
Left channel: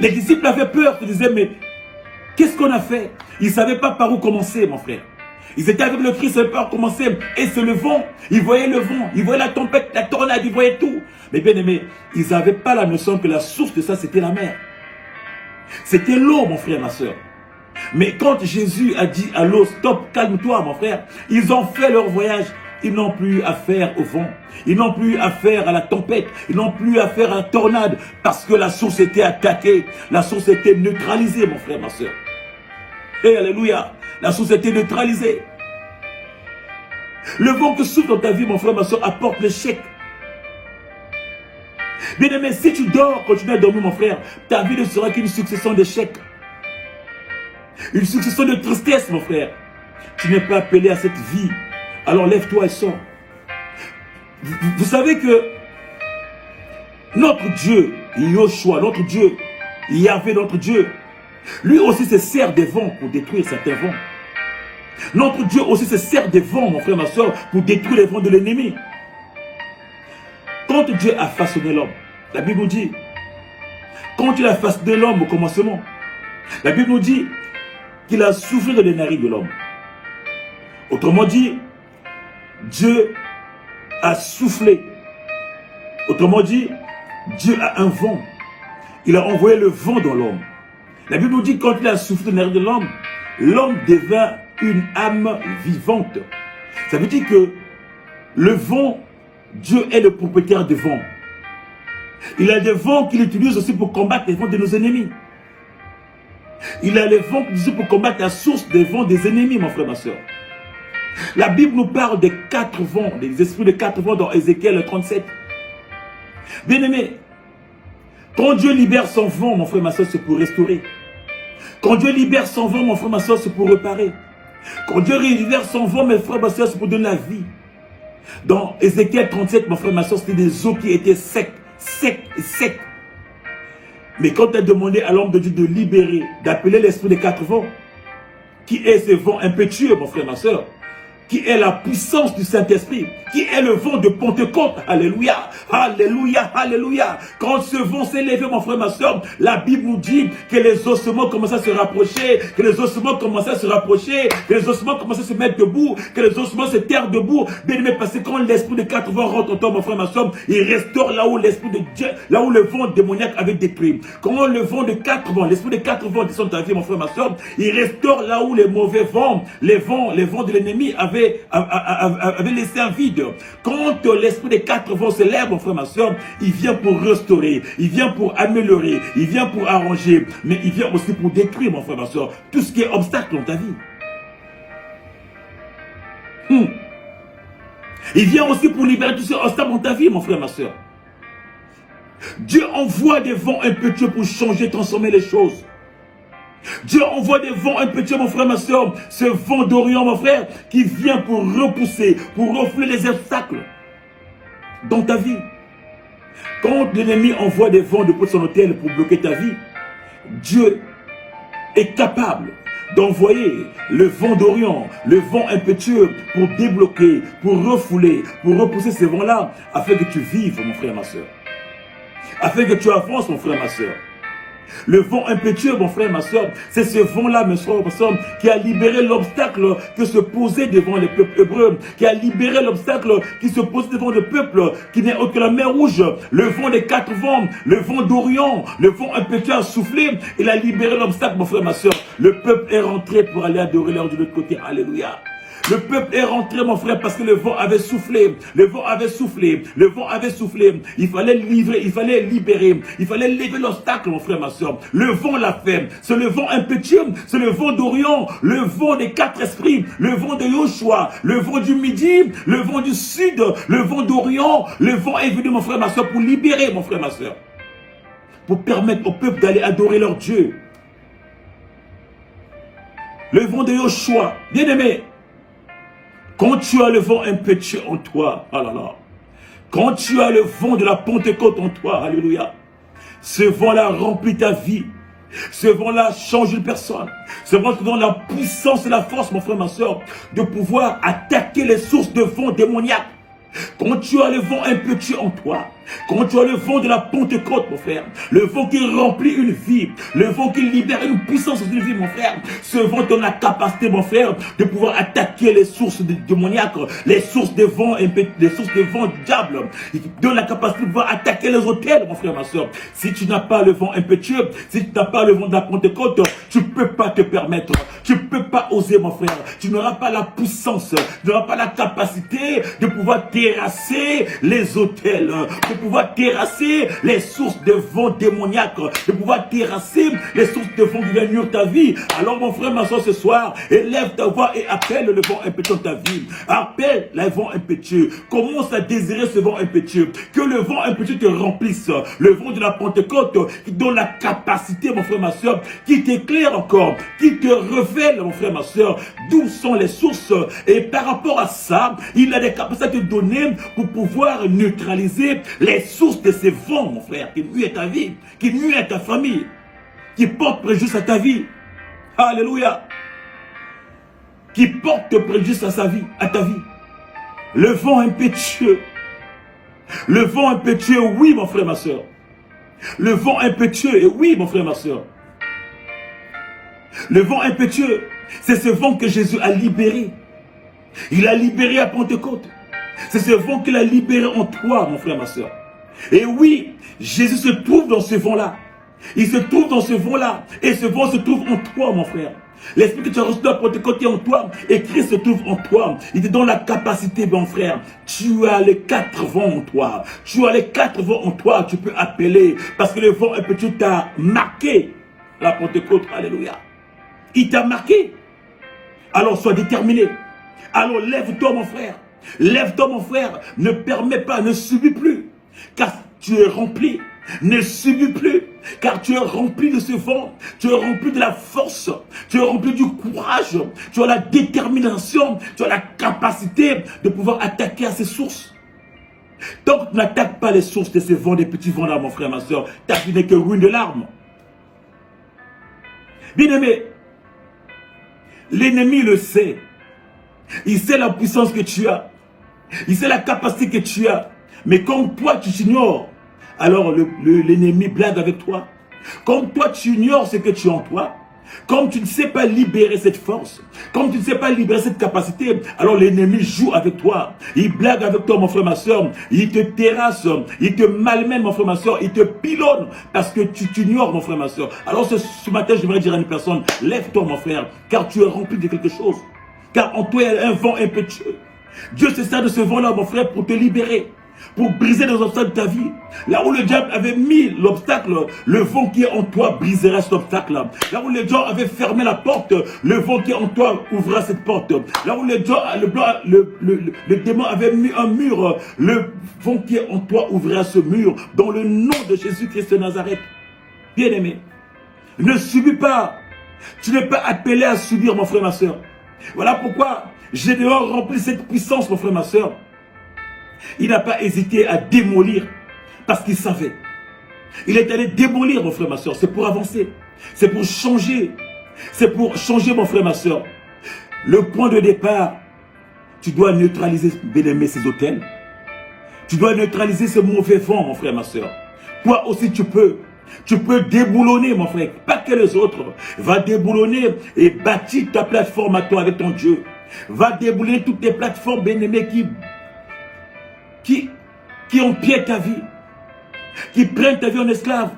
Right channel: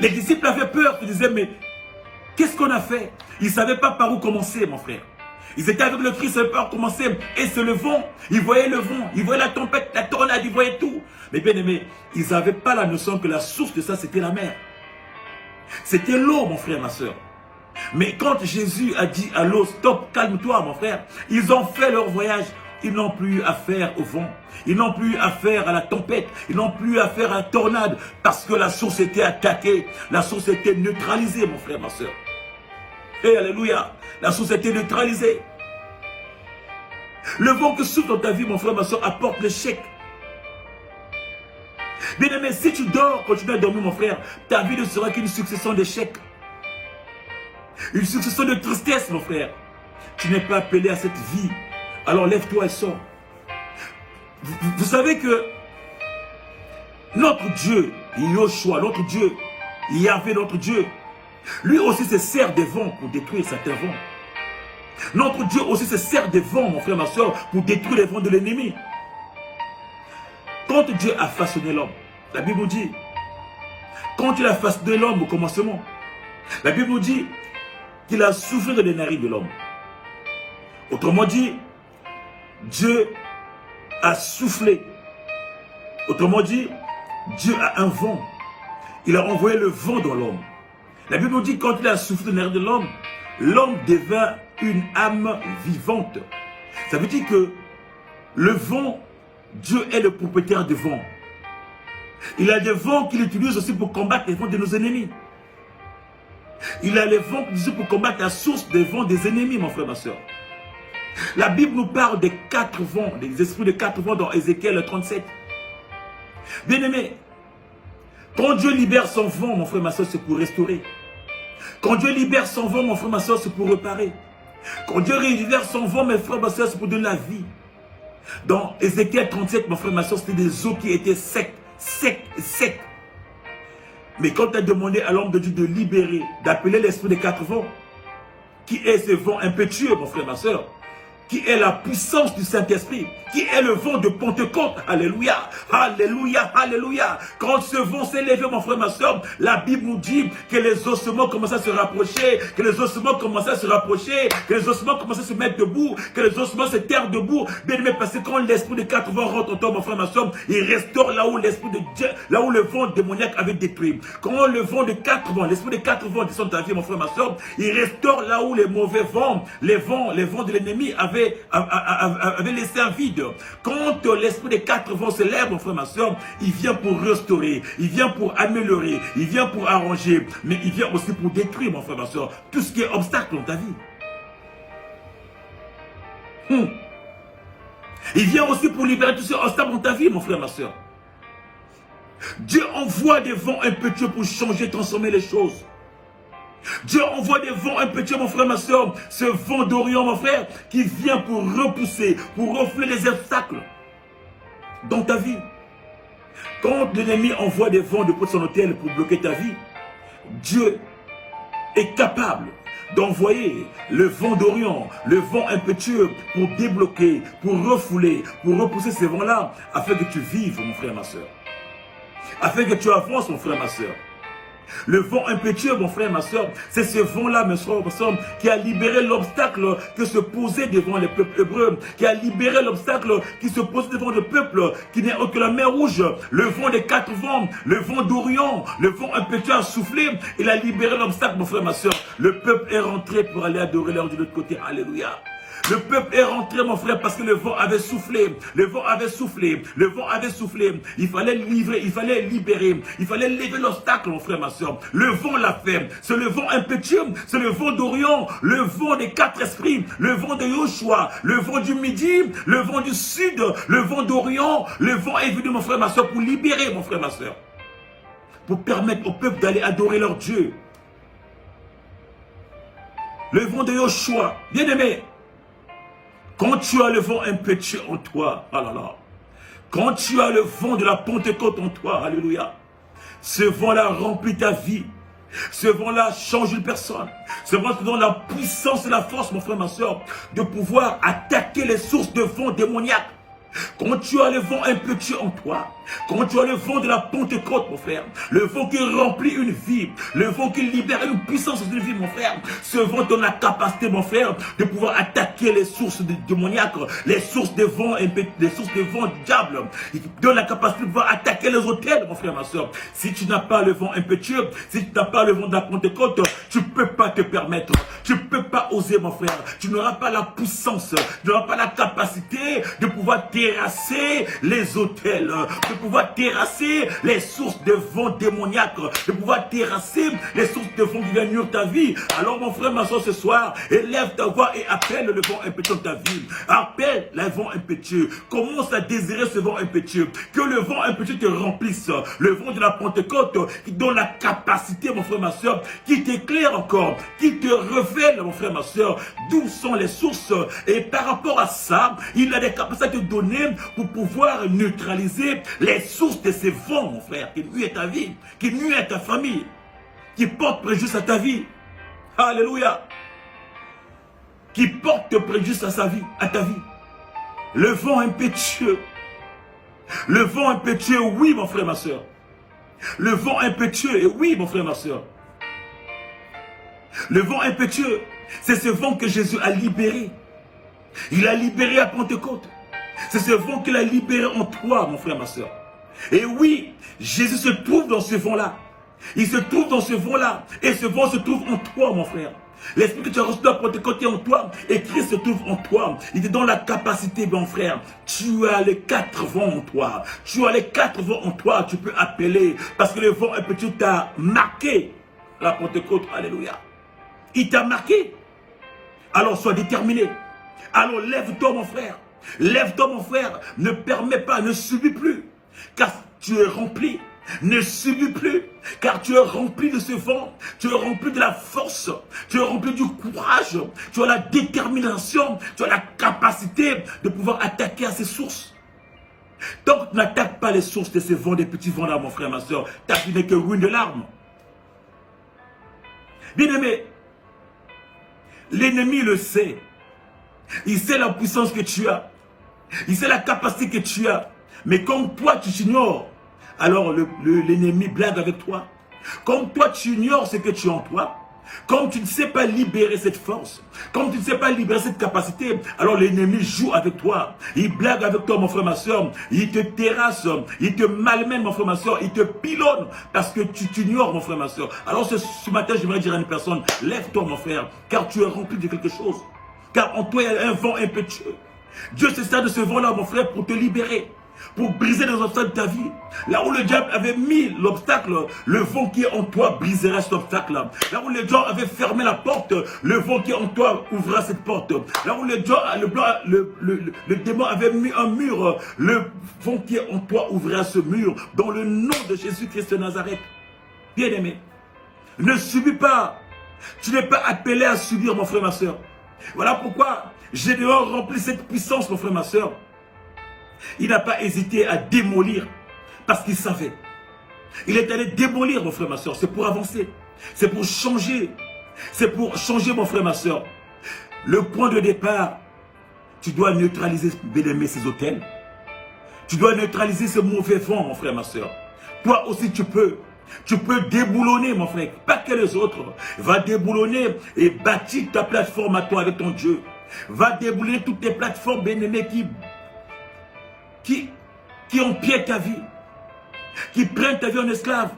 Les disciples avaient peur, ils disaient, mais qu'est-ce qu'on a fait? Ils ne savaient pas par où commencer, mon frère. Ils étaient avec le Christ, ils ne savaient pas par où commencer. Et c'est le vent. Ils voyaient le vent, ils voyaient la tempête, la tornade, ils voyaient tout. Mais bien aimé, ils n'avaient pas la notion que la source de ça, c'était la mer. C'était l'eau, mon frère, ma soeur. Mais quand Jésus a dit à l'eau, stop, calme-toi, mon frère, ils ont fait leur voyage. Ils n'ont plus affaire au vent. Ils n'ont plus affaire à la tempête. Ils n'ont plus affaire à la tornade. Parce que la source était attaquée. La source était neutralisée, mon frère, ma soeur. Et alléluia. La source était neutralisée. Le vent que souffle dans ta vie, mon frère, ma soeur, apporte l'échec. Bien aimé, si tu dors, continue à dormir, mon frère, ta vie ne sera qu'une succession d'échecs. Une succession de tristesse, mon frère. Tu n'es pas appelé à cette vie. Alors lève-toi et sors. Vous savez que notre Dieu, Yoshua, notre Dieu, Yahvé, notre Dieu, lui aussi se sert des vents pour détruire certains vents. Notre Dieu aussi se sert des vents, mon frère, ma soeur, pour détruire les vents de l'ennemi. Quand Dieu a façonné l'homme, la Bible nous dit, quand il a façonné l'homme au commencement, la Bible nous dit qu'il a soufflé dans les narines de l'homme. Autrement dit, Dieu a soufflé. Autrement dit, Dieu a un vent. Il a envoyé le vent dans l'homme. La Bible nous dit que quand il a soufflé dans les narines de l'homme, l'homme devint une âme vivante. Ça veut dire que le vent, Dieu est le propriétaire du vent. Il a des vents qu'il utilise aussi pour combattre les vents de nos ennemis. Il a les vents qu'il utilise pour combattre la source des vents des ennemis, mon frère, ma soeur. La Bible nous parle des 4 vents, des esprits de 4 vents dans Ézéchiel 37. Bien-aimé, quand Dieu libère son vent, mon frère, ma soeur, c'est pour restaurer. Quand Dieu libère son vent, mon frère, ma soeur, c'est pour réparer. Quand Dieu libère son vent, mes frères, ma soeur, c'est pour donner la vie. Dans Ézéchiel 37, mon frère, ma soeur, c'était des eaux qui étaient secs. Mais quand tu as demandé à l'homme de Dieu de libérer, d'appeler l'esprit des 4 vents, qui est ce vent impétueux, mon frère, ma soeur, qui est la puissance du Saint-Esprit, qui est le vent de Pentecôte. Alléluia, alléluia, alléluia. Quand ce vent s'est levé, mon frère, ma soeur, la Bible nous dit que les ossements commencent à se rapprocher, que les ossements commencent à se rapprocher, que les ossements commencent à se mettre debout, que les ossements se terrent debout. Bien aimé, parce que quand l'esprit de 4 vents rentre en toi, mon frère, ma soeur, il restaure là où l'esprit de Dieu, là où le vent démoniaque avait détruit. Quand le vent de 4 vents, l'esprit de 4 vents descend dans ta vie, mon frère, ma soeur, il restaure là où les mauvais vents, les vents de l'ennemi avaient laissé un vide. Quand l'esprit des 4 vents se lève, mon frère, ma soeur, il vient pour restaurer, il vient pour améliorer, il vient pour arranger, mais il vient aussi pour détruire, mon frère, ma soeur, tout ce qui est obstacle dans ta vie. Il vient aussi pour libérer tout ce qui est obstacle dans ta vie, mon frère, ma soeur. Dieu envoie des vents impétueux pour changer, transformer les choses. Dieu envoie des vents impétueux, mon frère, ma soeur, ce vent d'Orient, mon frère, qui vient pour repousser, pour refouler les obstacles dans ta vie. Quand l'ennemi envoie des vents depuis son hôtel pour bloquer ta vie, Dieu est capable d'envoyer le vent d'Orient, le vent impétueux pour débloquer, pour refouler, pour repousser ces vents-là, afin que tu vives, mon frère, ma soeur. Afin que tu avances, mon frère, ma soeur. Le vent impétueux, mon frère, ma soeur, c'est ce vent-là, mes frères, ma soeur, qui a libéré l'obstacle que se posait devant les peuples hébreux, qui a libéré l'obstacle qui se posait devant le peuple, qui n'est autre que la mer Rouge. Le vent des 4 vents, le vent d'Orient, le vent impétueux a soufflé, il a libéré l'obstacle, mon frère, ma soeur. Le peuple est rentré pour aller adorer leur Dieu de l'autre côté. Alléluia. Le peuple est rentré, mon frère, parce que le vent avait soufflé. Le vent avait soufflé. Le vent avait soufflé. Il fallait livrer, il fallait libérer. Il fallait lever l'obstacle, mon frère, ma soeur. Le vent l'a fait. C'est le vent impétueux. C'est le vent d'Orient. Le vent des 4 esprits. Le vent de Yoshua. Le vent du midi. Le vent du sud. Le vent d'Orient. Le vent est venu, mon frère, ma soeur, pour libérer, mon frère, ma soeur. Pour permettre au peuple d'aller adorer leur Dieu. Le vent de Yoshua. Bien aimé. Quand tu as le vent impétueux en toi, oh là là, quand tu as le vent de la Pentecôte en toi, alléluia, ce vent-là remplit ta vie, ce vent-là change une personne, ce vent-là la puissance et la force, mon frère, ma soeur, de pouvoir attaquer les sources de vent démoniaques. Quand tu as le vent impétueux en toi, quand tu as le vent de la Pentecôte, mon frère, le vent qui remplit une vie, le vent qui libère une puissance d'une vie, mon frère, ce vent donne la capacité, mon frère, de pouvoir attaquer les sources démoniaques, les sources de vent, les sources de vent diable. Il donne la capacité de pouvoir attaquer les hôtels, mon frère, ma soeur. Si tu n'as pas le vent impétueux, si tu n'as pas le vent de la Pentecôte, tu ne peux pas te permettre, tu ne peux pas oser, mon frère. Tu n'auras pas la puissance, tu n'auras pas la capacité de pouvoir terrasser les hôtels, de pouvoir terrasser les sources de vent démoniaques, de pouvoir terrasser les sources de vent qui viennent nuire ta vie. Alors mon frère, ma soeur, ce soir, élève ta voix et appelle le vent impétueux de ta vie. Appelle le vent impétueux. Commence à désirer ce vent impétueux. Que le vent impétueux te remplisse. Le vent de la Pentecôte qui donne la capacité, mon frère, ma soeur, qui t'éclaire encore, qui te révèle, mon frère, ma soeur, d'où sont les sources. Et par rapport à ça, il a des capacités à te donner pour pouvoir neutraliser les sources de ces vents, mon frère, qui nuisent à ta vie, qui nuisent à ta famille, qui portent préjudice à ta vie. Alléluia. Qui portent préjudice à sa vie, à ta vie. Le vent impétueux. Le vent impétueux, oui, mon frère, ma soeur. Le vent impétueux, oui, mon frère, ma soeur. Le vent impétueux, c'est ce vent que Jésus a libéré. Il a libéré à Pentecôte. C'est ce vent qu'il a libéré en toi, mon frère, ma soeur. Et oui, Jésus se trouve dans ce vent-là. Il se trouve dans ce vent-là. Et ce vent se trouve en toi, mon frère. L'esprit que tu as reçu dans la Pentecôte est en toi et Christ se trouve en toi. Il te donne la capacité, mon frère. Tu as les 4 vents en toi. Tu as les 4 vents en toi. Tu peux appeler parce que le vent un petit t'a marqué. La Pentecôte, alléluia. Il t'a marqué. Alors sois déterminé. Alors lève-toi, mon frère. Lève-toi, mon frère. Ne permets pas, ne subis plus. Car tu es rempli. Ne subis plus, car tu es rempli de ce vent, tu es rempli de la force, tu es rempli du courage, tu as la détermination, tu as la capacité de pouvoir attaquer à ces sources. Tant que tu n'attaques pas les sources de ces vents, des petits vents là, mon frère, ma soeur, ta vie n'est que ruine de larmes. Bien-aimé, l'ennemi le sait. Il sait la puissance que tu as. Il sait la capacité que tu as. Mais comme toi, tu t'ignores, alors l'ennemi blague avec toi. Comme toi, tu ignores ce que tu as en toi. Comme tu ne sais pas libérer cette force. Comme tu ne sais pas libérer cette capacité. Alors l'ennemi joue avec toi. Il blague avec toi, mon frère, ma soeur. Il te terrasse. Il te malmène, mon frère, ma soeur. Il te pilonne. Parce que tu t'ignores, mon frère, ma soeur. Alors ce matin, je voudrais dire à une personne, lève-toi, mon frère. Car tu es rempli de quelque chose. Car en toi, il y a un vent impétueux. Dieu se sert de ce vent-là, mon frère, pour te libérer. Pour briser les obstacles de ta vie. Là où le diable avait mis l'obstacle, le vent qui est en toi briserait cet obstacle-là. Là où le diable avait fermé la porte, le vent qui est en toi ouvrira cette porte. Là où le démon avait mis un mur, le vent qui est en toi ouvrira ce mur. Dans le nom de Jésus-Christ de Nazareth. Bien-aimé, ne subis pas. Tu n'es pas appelé à subir, mon frère, ma soeur. Voilà pourquoi j'ai dehors rempli cette puissance, mon frère, ma soeur. Il n'a pas hésité à démolir parce qu'il savait. Il est allé démolir, mon frère, ma soeur. C'est pour avancer. C'est pour changer. C'est pour changer, mon frère, ma soeur. Le point de départ, tu dois neutraliser, bien-aimé, ces hôtels. Tu dois neutraliser ce mauvais vent, mon frère, ma soeur. Toi aussi, tu peux. Tu peux déboulonner, mon frère. Pas que les autres. Va déboulonner et bâtir ta plateforme à toi avec ton Dieu. Va déboulonner toutes les plateformes, bien-aimé, qui empiètent ta vie, qui prennent ta vie en esclave.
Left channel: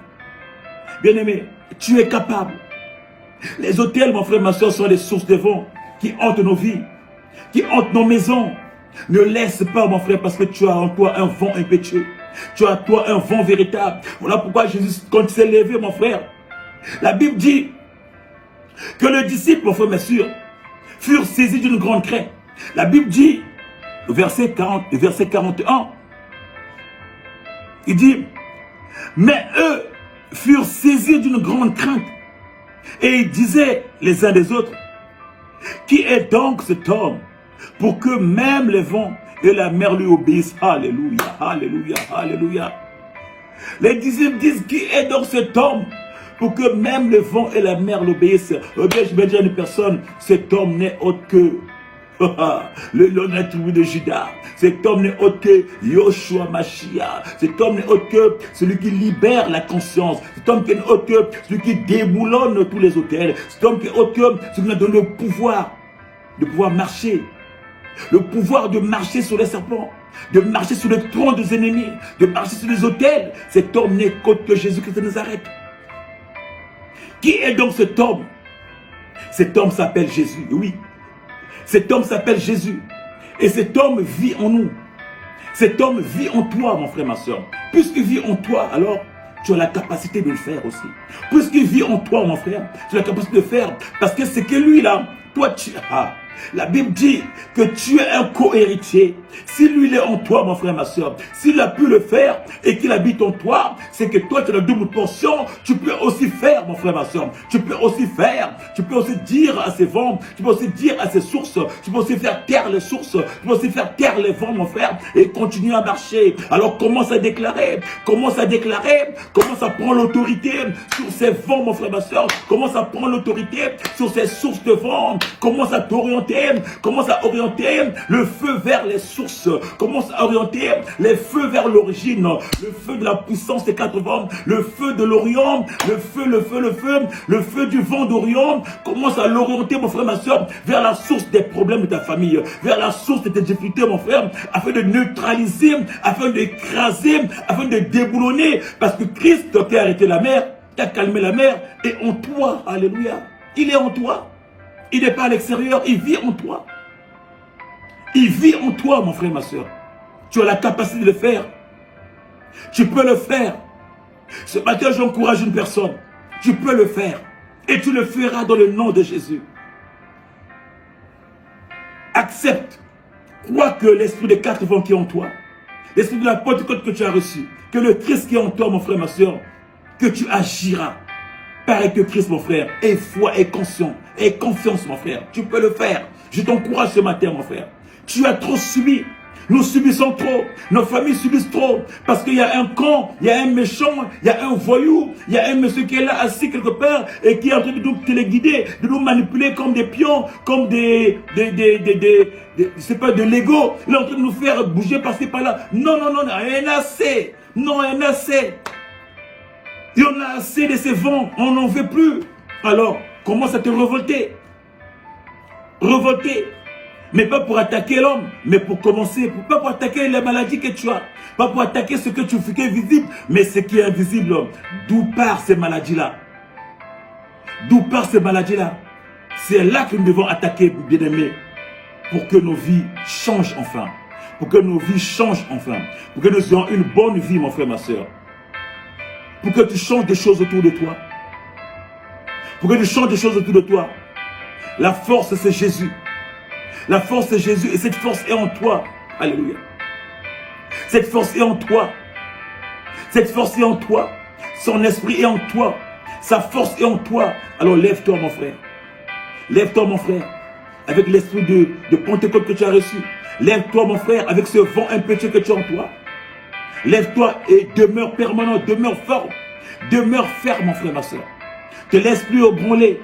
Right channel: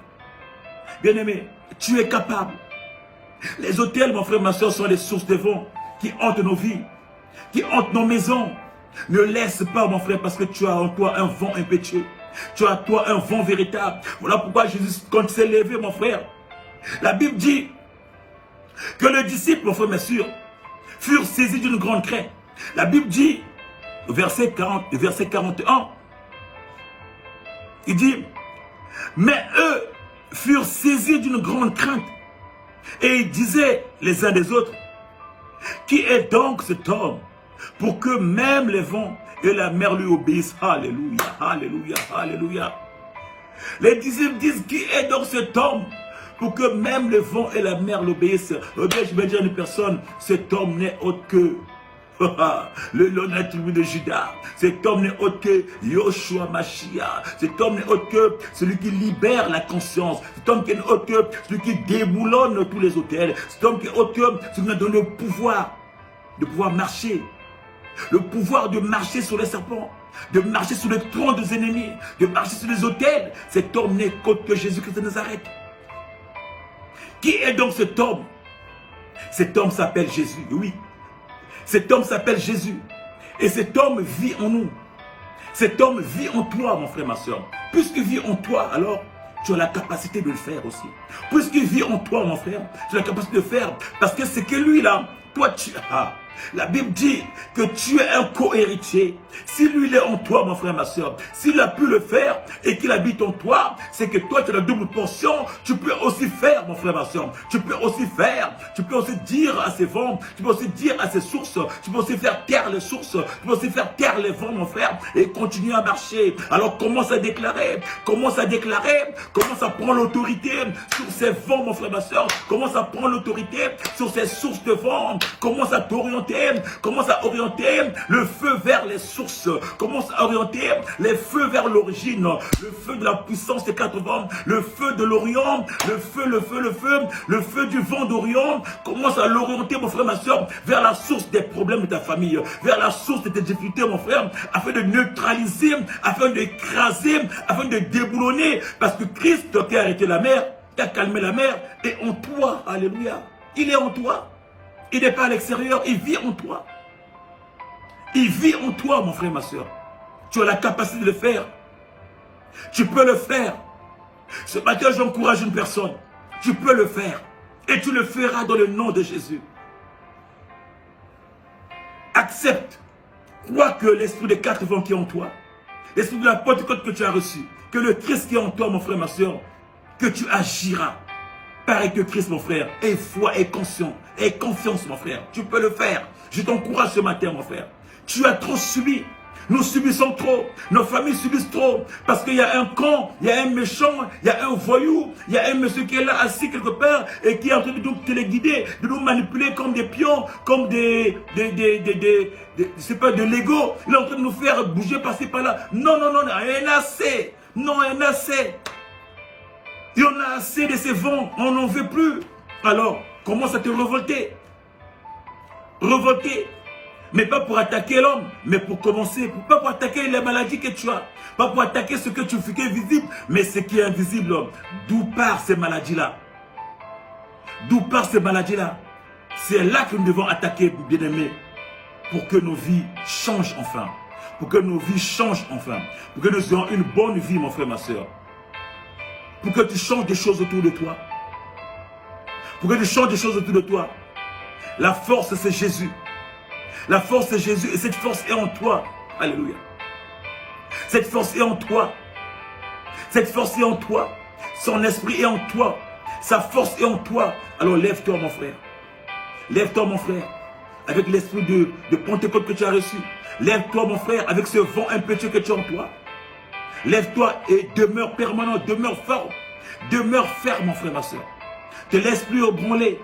Bien-aimé, tu es capable. Les hôtels, mon frère, ma soeur, sont les sources de vent qui hantent nos vies, qui hantent nos maisons. Ne laisse pas, mon frère, parce que tu as en toi un vent impétueux. Tu as en toi un vent véritable. Voilà pourquoi Jésus, quand il s'est levé, mon frère, la Bible dit que les disciples, mon frère, ma soeur, furent saisis d'une grande crainte. La Bible dit, verset 41, il dit, mais eux furent saisis d'une grande crainte et ils disaient les uns des autres, qui est donc cet homme pour que même les vents et la mer lui obéissent? Alléluia, alléluia, alléluia. Les disciples disent, qui est donc cet homme pour que même les vents et la mer l'obéissent? Eh bien, je vais dire à une personne, cet homme n'est autre que l'honnête tribu de Juda. Cet homme n'est autre que Yoshua Mashiach. Cet homme n'est autre que celui qui libère la conscience. Cet homme n'est autre que celui qui déboulonne tous les hôtels. Cet homme qui est autre que celui qui a donné le pouvoir de pouvoir marcher. Le pouvoir de marcher sur les serpents, de marcher sur les trônes des ennemis, de marcher sur les hôtels. Cet homme n'est autre que Jésus-Christ de Nazareth. Qui est donc cet homme? Cet homme s'appelle Jésus, oui. Cet homme s'appelle Jésus. Et cet homme vit en nous. Cet homme vit en toi, mon frère, ma soeur. Puisqu'il vit en toi, alors tu as la capacité de le faire aussi. Puisqu'il vit en toi, mon frère, tu as la capacité de le faire. Parce que c'est que lui, là, toi, tu as. La Bible dit que tu es un co-héritier. Si lui il est en toi, mon frère, ma soeur, s'il a pu le faire et qu'il habite en toi, c'est que toi tu as la double portion. Tu peux aussi faire, mon frère, ma soeur. Tu peux aussi faire. Tu peux aussi dire à ces vents. Tu peux aussi dire à ces sources. Tu peux aussi faire taire les sources. Tu peux aussi faire taire les vents, mon frère, et continuer à marcher. Alors commence à déclarer. Commence à déclarer. Commence à prendre l'autorité sur ces vents, mon frère, ma soeur. Commence à prendre l'autorité sur ces sources de vent. Commence à t'orienter. Commence à orienter le feu vers les sources. Commence à orienter les feux vers l'origine. Le feu de la puissance des 4 vents. Le feu de l'Orient. Le feu du vent d'Orient. Commence à l'orienter, mon frère, ma soeur, vers la source des problèmes de ta famille. Vers la source de tes difficultés, mon frère. Afin de neutraliser, afin d'écraser, afin de déboulonner. Parce que Christ qui a arrêté la mer, qui a calmé la mer, est en toi. Alléluia. Il est en toi. Il n'est pas à l'extérieur, il vit en toi. Il vit en toi, mon frère, ma soeur. Tu as la capacité de le faire. Tu peux le faire. Ce matin, j'encourage une personne. Tu peux le faire. Et tu le feras dans le nom de Jésus. Accepte. Crois que l'esprit des 4 vents qui est en toi, l'esprit de la Pentecôte que tu as reçu, que le Christ qui est en toi, mon frère, ma soeur, que tu agiras. Pareil que Christ, mon frère. Aie foi, aie conscience, aie confiance, mon frère. Tu peux le faire. Je t'encourage ce matin, mon frère. Tu as trop subi. Nous subissons trop. Nos familles subissent trop. Parce qu'il y a un con, il y a un méchant, il y a un voyou, il y a un monsieur qui est là assis quelque part et qui est en train de nous téléguider, de nous manipuler comme des pions, comme je sais pas, de Lego. Il est en train de nous faire bouger par-ci par-là. Non, non, non, rien assez. Non, rien assez. Et on a assez de ces vents. On n'en veut plus. Alors, commence à te révolter. Révolter. Mais pas pour attaquer l'homme, mais pour commencer, pas pour attaquer les maladies que tu as, pas pour attaquer ce que tu fais qui est visible, mais ce qui est invisible. D'où part ces maladies-là? D'où part ces maladies-là? C'est là que nous devons attaquer, bien-aimés, pour que nos vies changent enfin. Pour que nos vies changent enfin. Pour que nous ayons une bonne vie, mon frère, ma soeur. Pour que tu changes des choses autour de toi. Pour que tu changes des choses autour de toi. La force, c'est Jésus. La force, c'est Jésus. Et cette force est en toi. Alléluia. Cette force est en toi. Cette force est en toi. Son esprit est en toi. Sa force est en toi. Alors lève-toi, mon frère. Lève-toi, mon frère. Avec l'esprit de Pentecôte que tu as reçu. Lève-toi, mon frère, avec ce vent impétueux que tu as en toi. Lève-toi et demeure permanent, demeure fort. Demeure ferme, mon frère, ma soeur. Te laisse plus ébranler.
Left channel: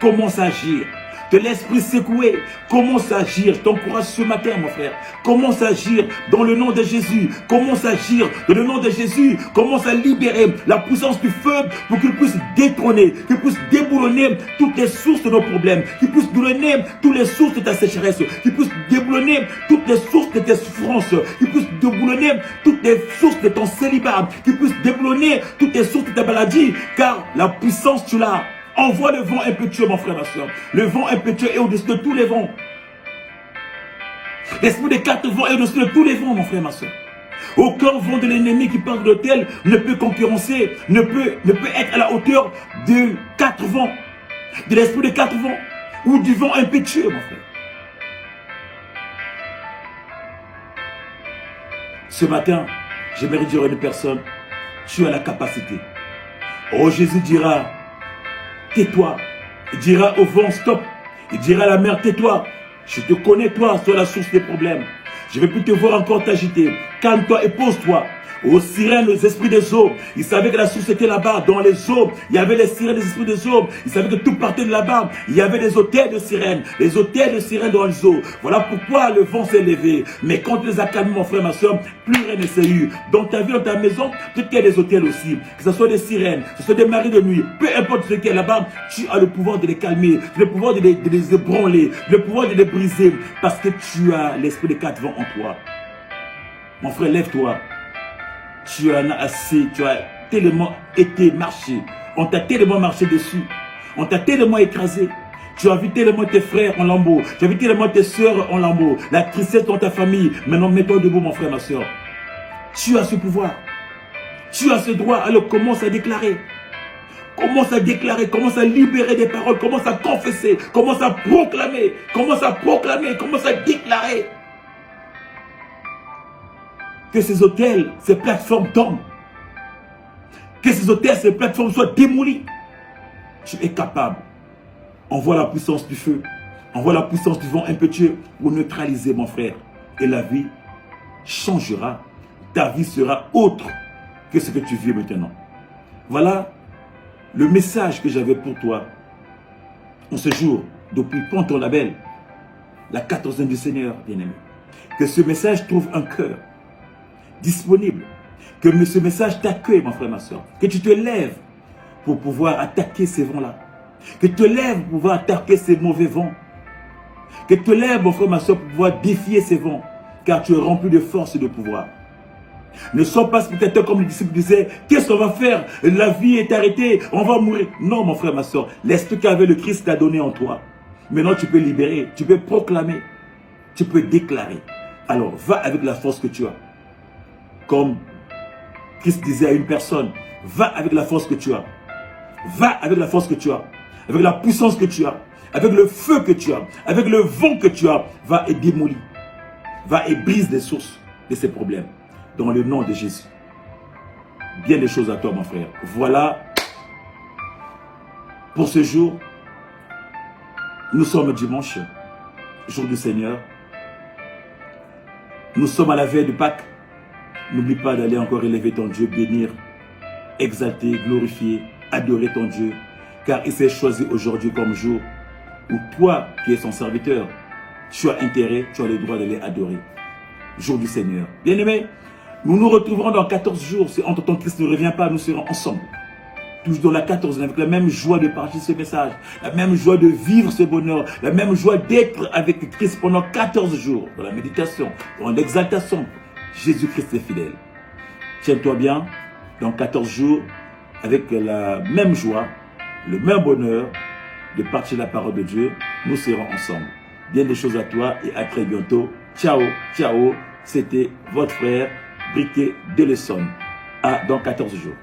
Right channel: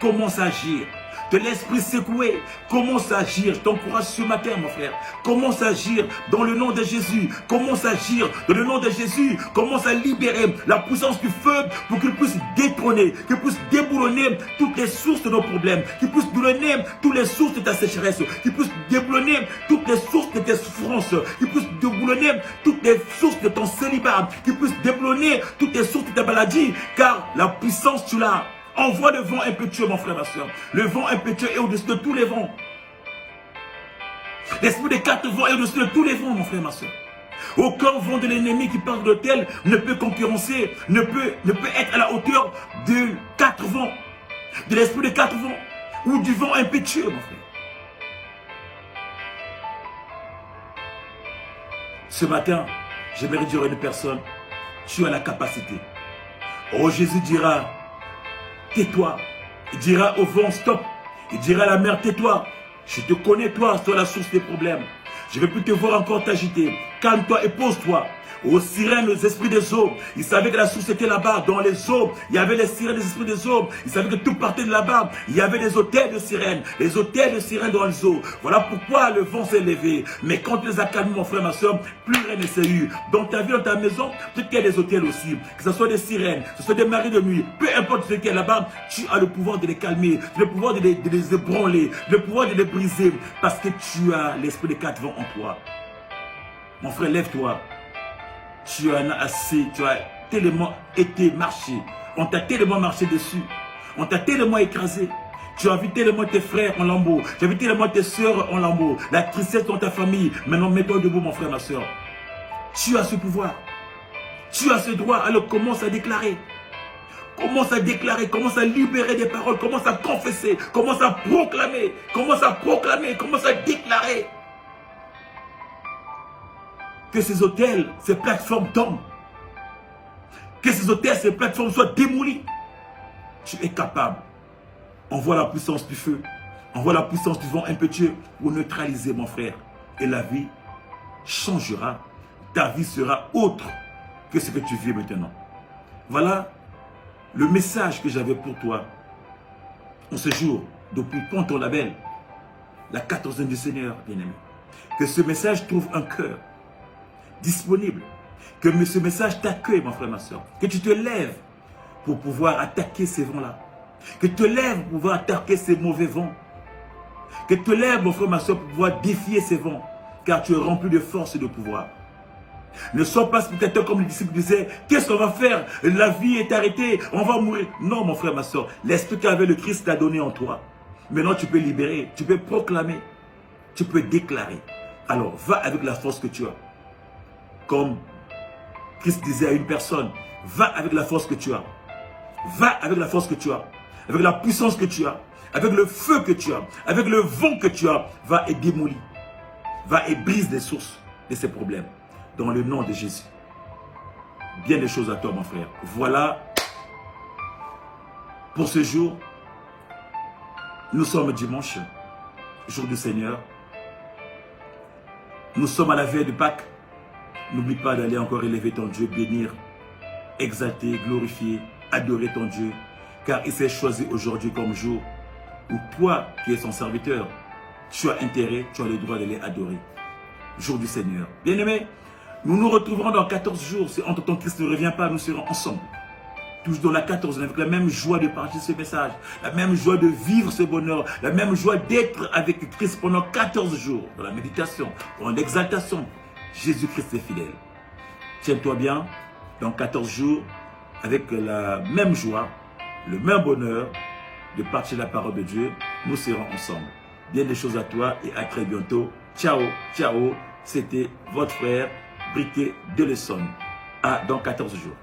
Commence à agir. Te laisse plus secouer. Commence à agir. T'encourage ce matin, mon frère. Commence à agir dans le nom de Jésus. Commence à agir dans le nom de Jésus. Commence à libérer la puissance du feu pour qu'il puisse détrôner, qu'il puisse déboulonner toutes les sources de nos problèmes, qu'il puisse déboulonner toutes les sources de ta sécheresse, qu'il puisse déboulonner toutes les sources de tes souffrances, qu'il puisse déboulonner toutes les sources de ton célibat, qu'il puisse déboulonner toutes les sources de ta maladie, car la puissance tu l'as. Envoie le vent impétueux, mon frère, ma soeur. Le vent impétueux est au-dessus de tous les vents. L'esprit des 4 vents est au-dessus de tous les vents, mon frère, ma soeur. Aucun vent de l'ennemi qui parle de tel ne peut concurrencer, ne peut être à la hauteur de 4 vents, de l'esprit des 4 vents, ou du vent impétueux, mon frère. Ce matin, j'aimerais dire à une personne, tu as la capacité. Oh, Jésus dira, tais-toi. Il dira au vent, stop. Il dira à la mer, tais-toi. Je te connais, toi la source des problèmes. Je ne veux plus te voir encore t'agiter. Calme-toi et pose-toi. Aux sirènes, aux esprits des eaux. Ils savaient que la source était là-bas, dans les eaux. Il y avait les sirènes des esprits des eaux. Ils savaient que tout partait de là-bas. Il y avait des hôtels de sirènes. Les hôtels de sirènes dans les eaux. Voilà pourquoi le vent s'est levé. Mais quand tu les as calmés, mon frère, ma soeur, plus rien ne s'est eu. Dans ta vie, dans ta maison, peut-être qu'il y a des hôtels aussi. Que ce soit des sirènes, que ce soit des maris de nuit. Peu importe ce qu'il y a là-bas, tu as le pouvoir de les calmer. Le pouvoir de les ébranler. Le pouvoir de les briser. Parce que tu as l'esprit des 4 vents en toi. Mon frère, lève-toi. Tu en as assez, tu as tellement été marché. On t'a tellement marché dessus. On t'a tellement écrasé. Tu as vu tellement tes frères en lambeaux. Tu as vu tellement tes soeurs en lambeaux. La tristesse dans ta famille. Maintenant, mets-toi debout, mon frère, ma soeur. Tu as ce pouvoir. Tu as ce droit. Alors commence à déclarer. Commence à déclarer. Commence à libérer des paroles. Commence à confesser. Commence à proclamer. Commence à proclamer. Commence à déclarer. Que ces hôtels, ces plateformes tombent. Que ces hôtels, ces plateformes soient démolies. Tu es capable. Envoie la puissance du feu. Envoie la puissance du vent impétueux pour neutraliser, mon frère. Et la vie changera. Ta vie sera autre que ce que tu vis maintenant. Voilà le message que j'avais pour toi en ce jour, depuis Ponton Label, la 14e du Seigneur, bien-aimé. Que ce message trouve un cœur disponible. Que ce message t'accueille, mon frère, ma soeur. Que tu te lèves pour pouvoir attaquer ces vents-là. Que tu te lèves pour pouvoir attaquer ces mauvais vents. Que tu te lèves, mon frère, ma soeur, pour pouvoir défier ces vents. Car tu es rempli de force et de pouvoir. Ne sois pas spectateur comme les disciples disaient. Qu'est-ce qu'on va faire? La vie est arrêtée. On va mourir. Non, mon frère, ma soeur. L'esprit qu'avait le Christ t'a donné en toi. Maintenant, tu peux libérer, tu peux proclamer, tu peux déclarer. Alors, va avec la force que tu as. Comme Christ disait à une personne, va avec la force que tu as. Va avec la force que tu as. Avec la puissance que tu as. Avec le feu que tu as. Avec le vent que tu as. Va et démolis. Va et brise les sources de ces problèmes. Dans le nom de Jésus. Bien des choses à toi, mon frère. Voilà. Pour ce jour, nous sommes dimanche, jour du Seigneur. Nous sommes à la veille de Pâques. N'oublie pas d'aller encore élever ton Dieu, bénir, exalter, glorifier, adorer ton Dieu. Car il s'est choisi aujourd'hui comme jour où toi, qui es son serviteur, tu as intérêt, tu as le droit d'aller adorer. Jour du Seigneur. Bien-aimés, nous nous retrouverons dans 14 jours. Si entre-temps Christ ne revient pas, nous serons ensemble. Tous dans la 14e, avec la même joie de partager ce message, la même joie de vivre ce bonheur, la même joie d'être avec Christ pendant 14 jours, dans la méditation, dans l'exaltation. Jésus-Christ est fidèle. Tiens-toi bien, dans 14 jours, avec la même joie, le même bonheur de partager la parole de Dieu, nous serons ensemble. Bien des choses à toi et à très bientôt. Ciao, ciao. C'était votre frère Briquet de Lesson. À dans 14 jours.